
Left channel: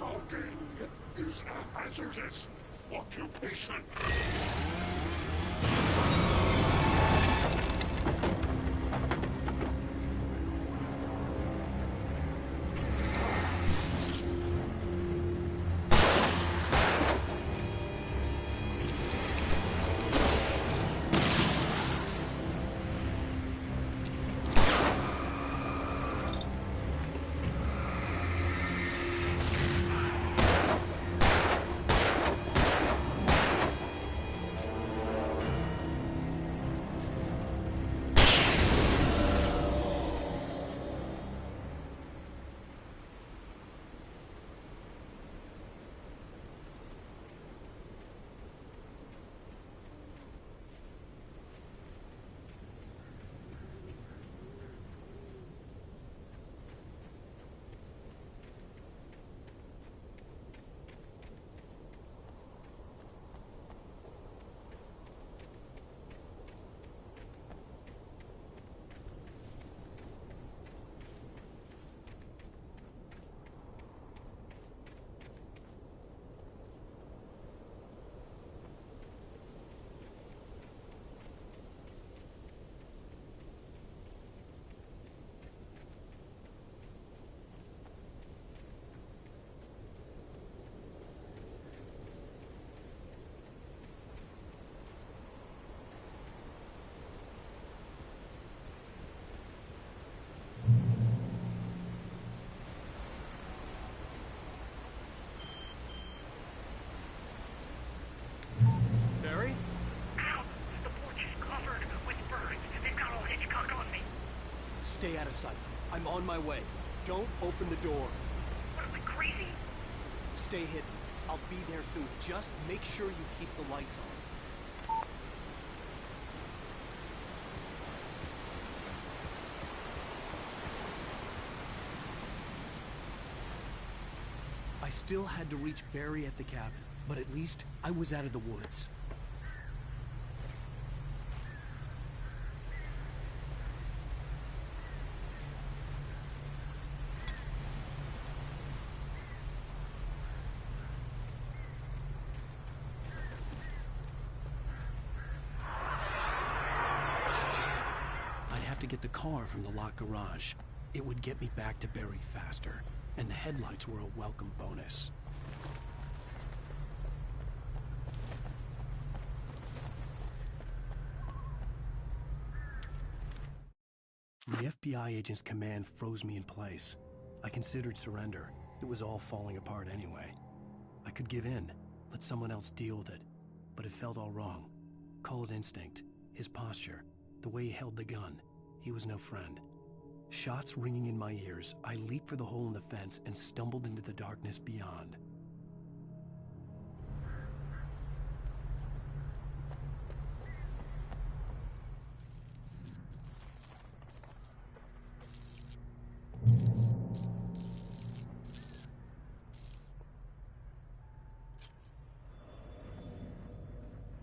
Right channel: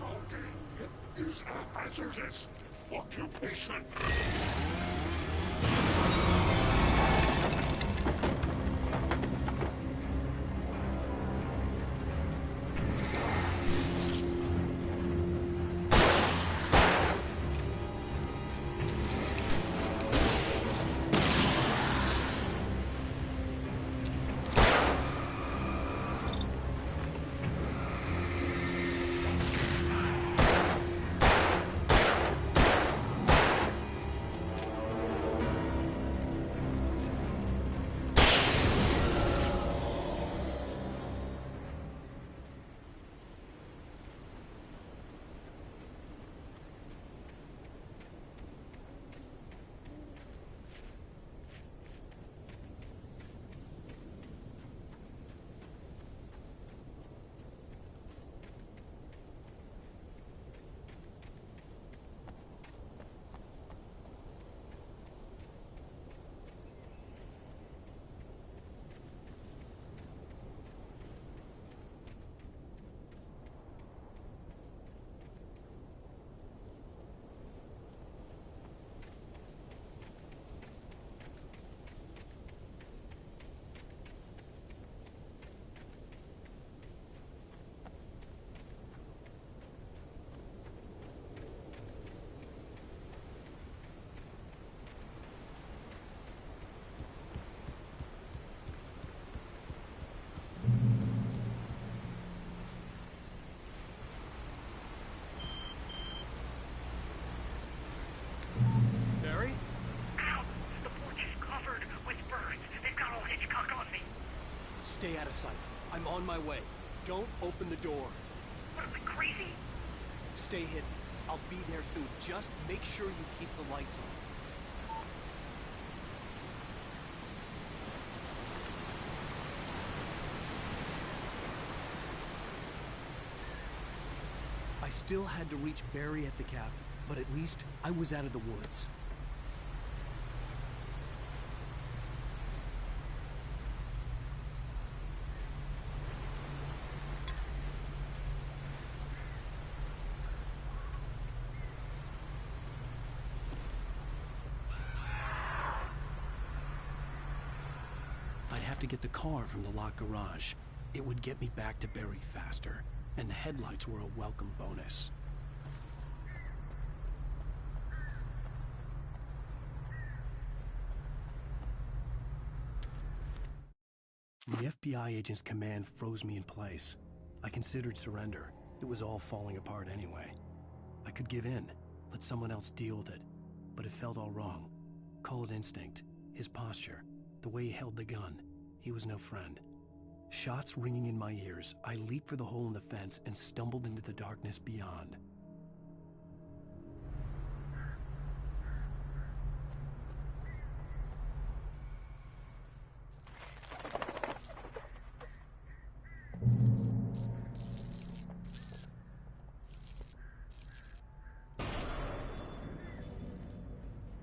Logging is a hazardous occupation. Barry? Ow! The porch is covered with birds. They've got old Hitchcock on me. Stay out of sight. I'm on my way. Don't open the door. What, am I crazy? Stay hidden. I'll be there soon. Just make sure you keep the lights on. I still had to reach Barry at the cabin, but at least I was out of the woods. have to get the car from the locked garage. It would get me back to Barry faster, and the headlights were a welcome bonus. The FBI agent's command froze me in place. I considered surrender. It was all falling apart anyway. I could give in, let someone else deal with it, but it felt all wrong. Call it instinct, his posture, the way he held the gun. He was no friend. Shots ringing in my ears, I leaped for the hole in the fence and stumbled into the darkness beyond.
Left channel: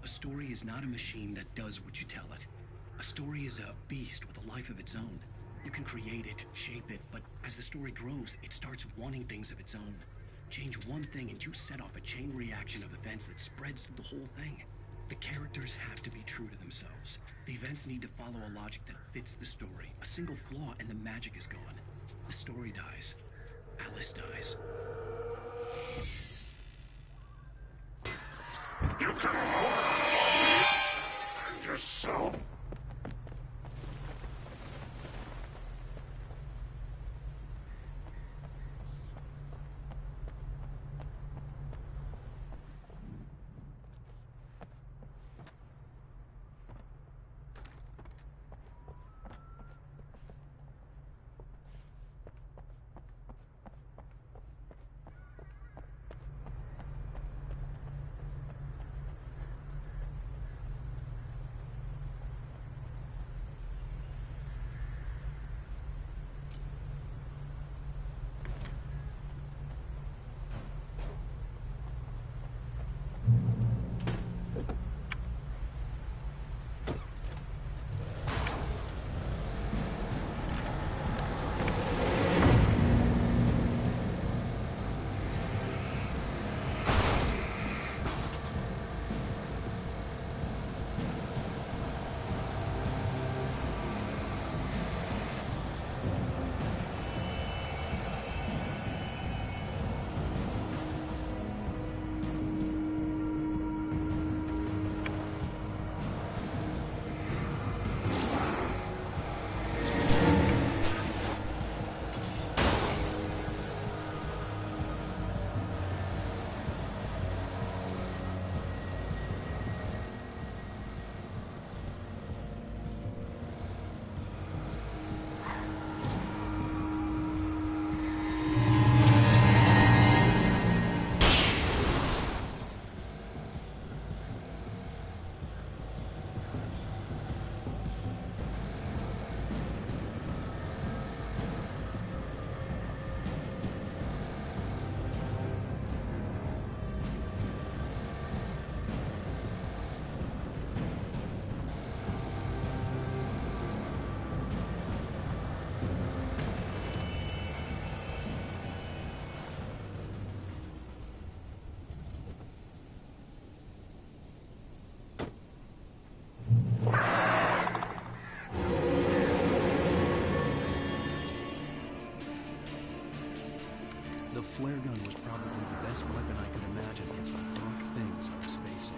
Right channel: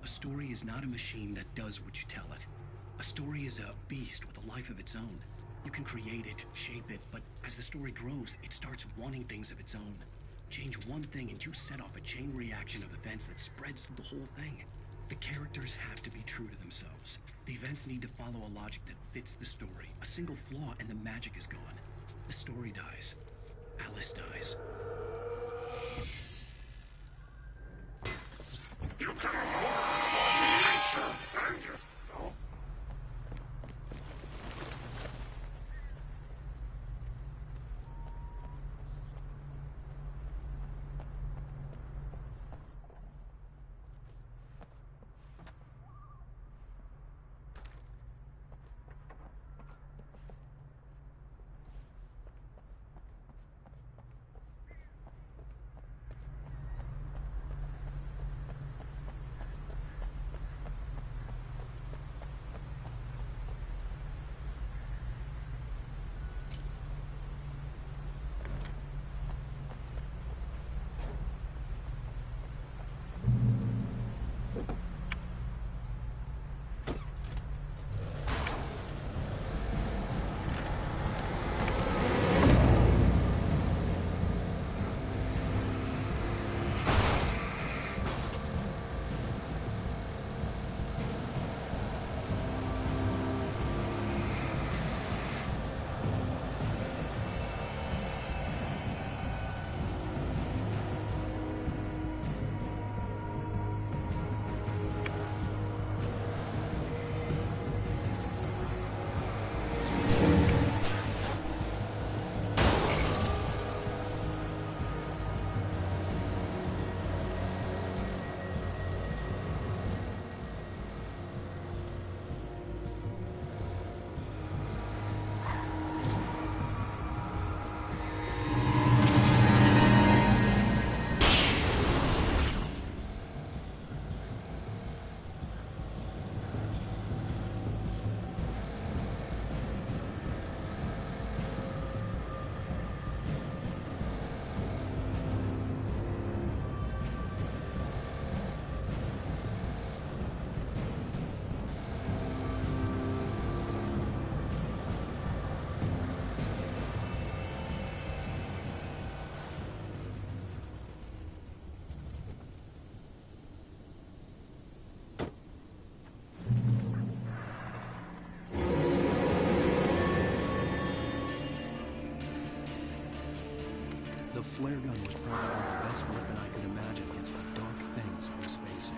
A story is not a machine that does what you tell it. A story is a beast with a life of its own. You can create it, shape it, but as the story grows, it starts wanting things of its own. Change one thing and you set off a chain reaction of events that spreads through the whole thing. The characters have to be true to themselves. The events need to follow a logic that fits the story. A single flaw and the magic is gone. The story dies. Alice dies. You can harm nature and yourself. The flare gun was probably the best weapon I could imagine against the dark things I was facing.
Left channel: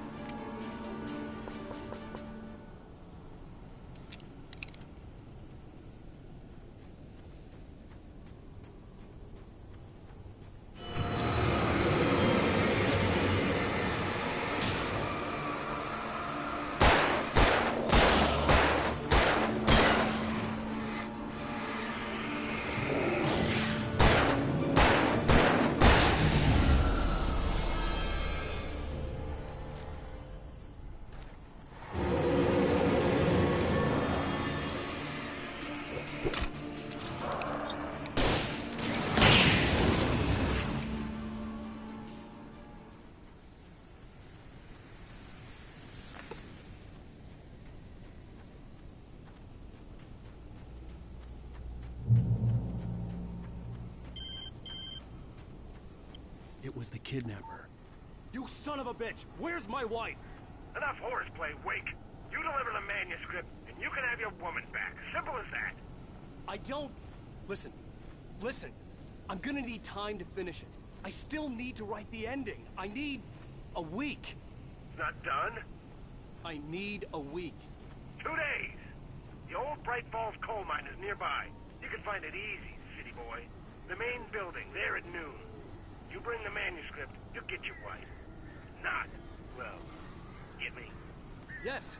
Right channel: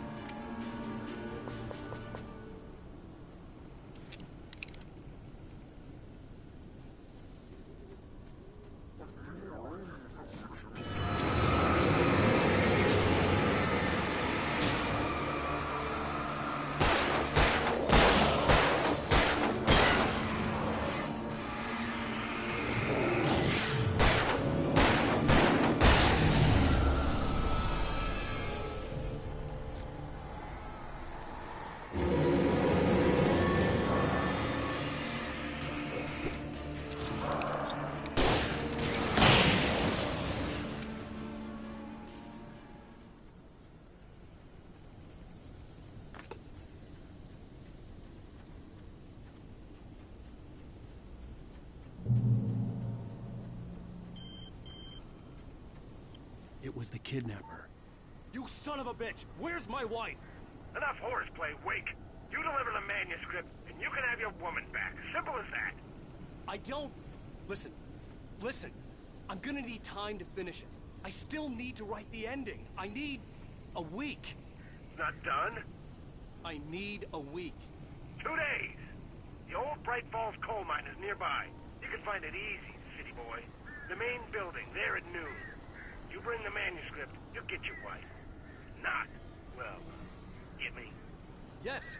It was the kidnapper. You son of a bitch! Where's my wife? Enough horseplay, Wake. You deliver the manuscript, and you can have your woman back. Simple as I don't... Listen. I'm gonna need time to finish it. I still need to write the ending. I need a week. It's not done? I need a week. 2 days. The old Bright Falls coal mine is nearby. You can find it easy, city boy. The main building, there at noon. You bring the manuscript, you'll get your wife. Not, well, get me? Yes,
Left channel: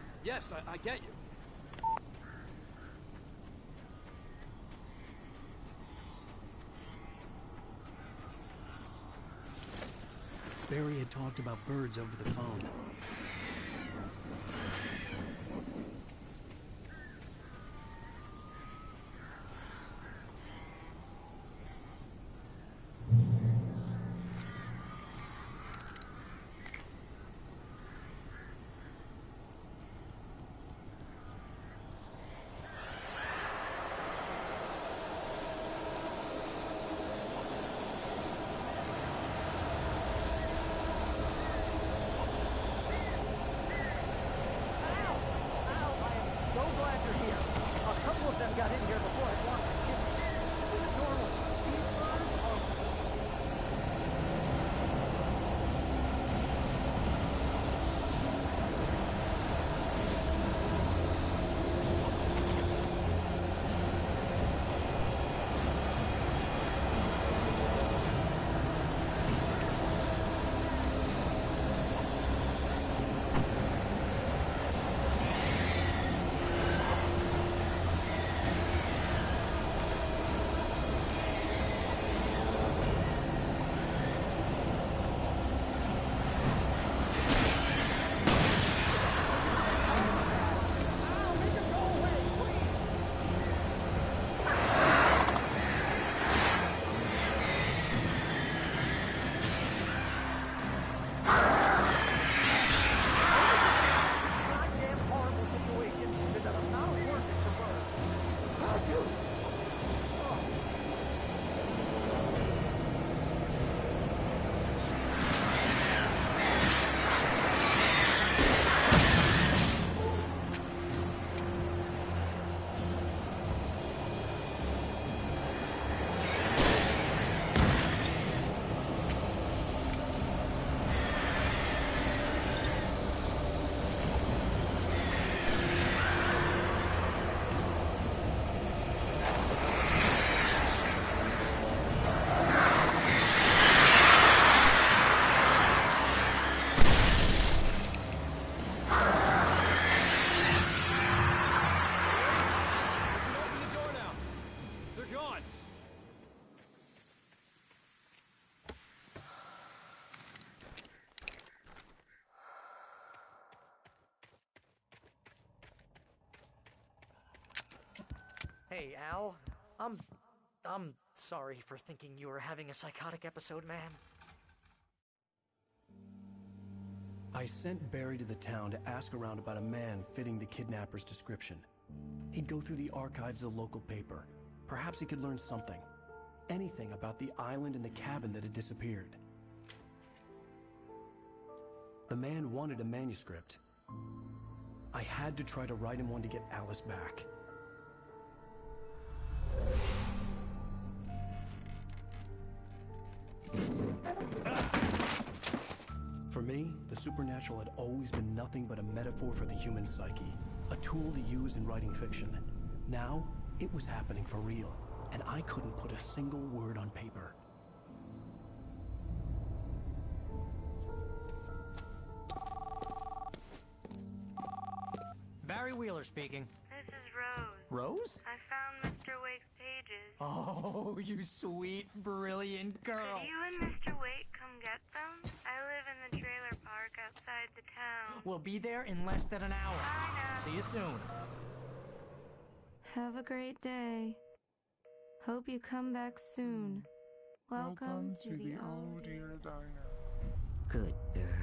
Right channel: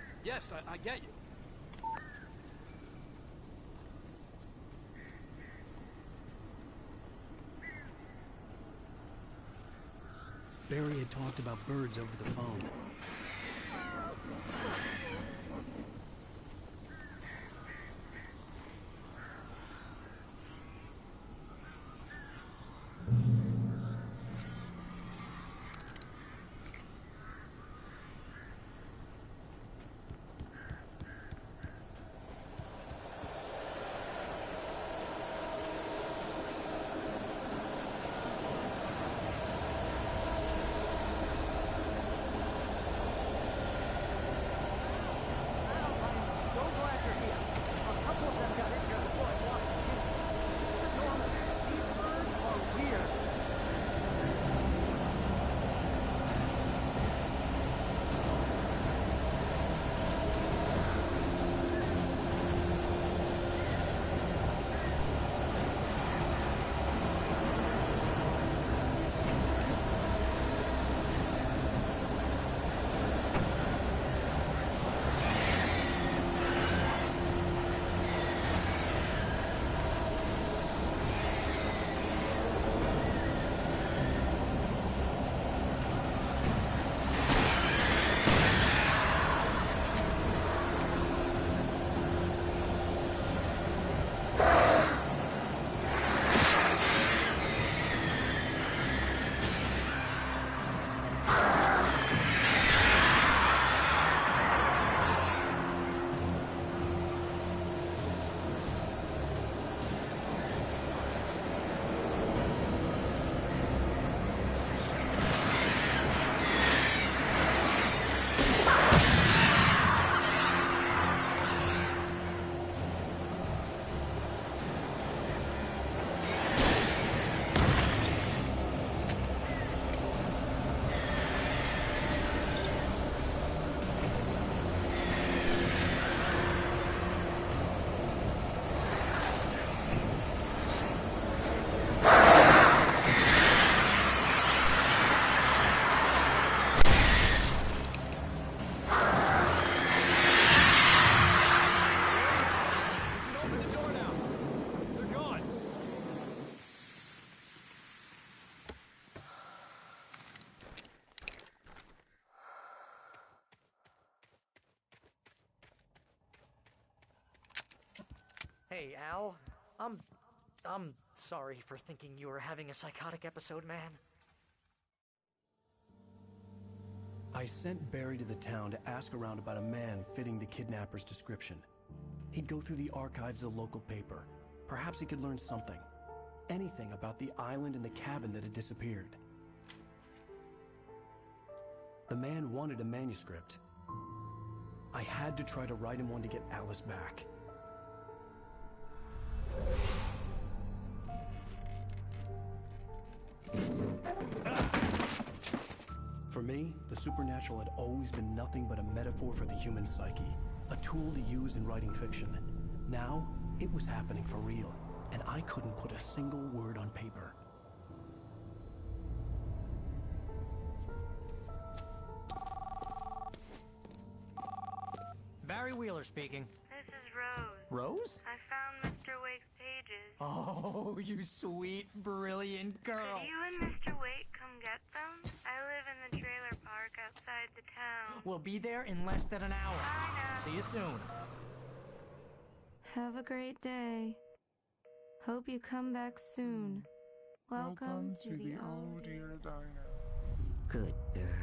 I get you. Barry had talked about birds over the phone. So glad you're here. A couple of them got in here before I blocked the chimney. This isn't normal. These birds are weird. Hey, Al. I'm sorry for thinking you were having a psychotic episode, man. I sent Barry to the town to ask around about a man fitting the kidnapper's description. He'd go through the archives of the local paper. Perhaps he could learn something. Anything about the island and the cabin that had disappeared. The man wanted a manuscript. I had to try to write him one to get Alice back. For me, the supernatural had always been nothing but a metaphor for the human psyche, a tool to use in writing fiction. Now, it was happening for real, and I couldn't put a single word on paper. Barry Wheeler speaking. This is Rose. Rose? I found Mr. Wake's pages. Oh, you sweet, brilliant girl. Could you and Mr. Wake come get them? I live in the trailer park outside the town. We'll be there in less than an hour. I know. See you soon. Have a great day. Hope you come back soon. Welcome to the Old Dear Good girl.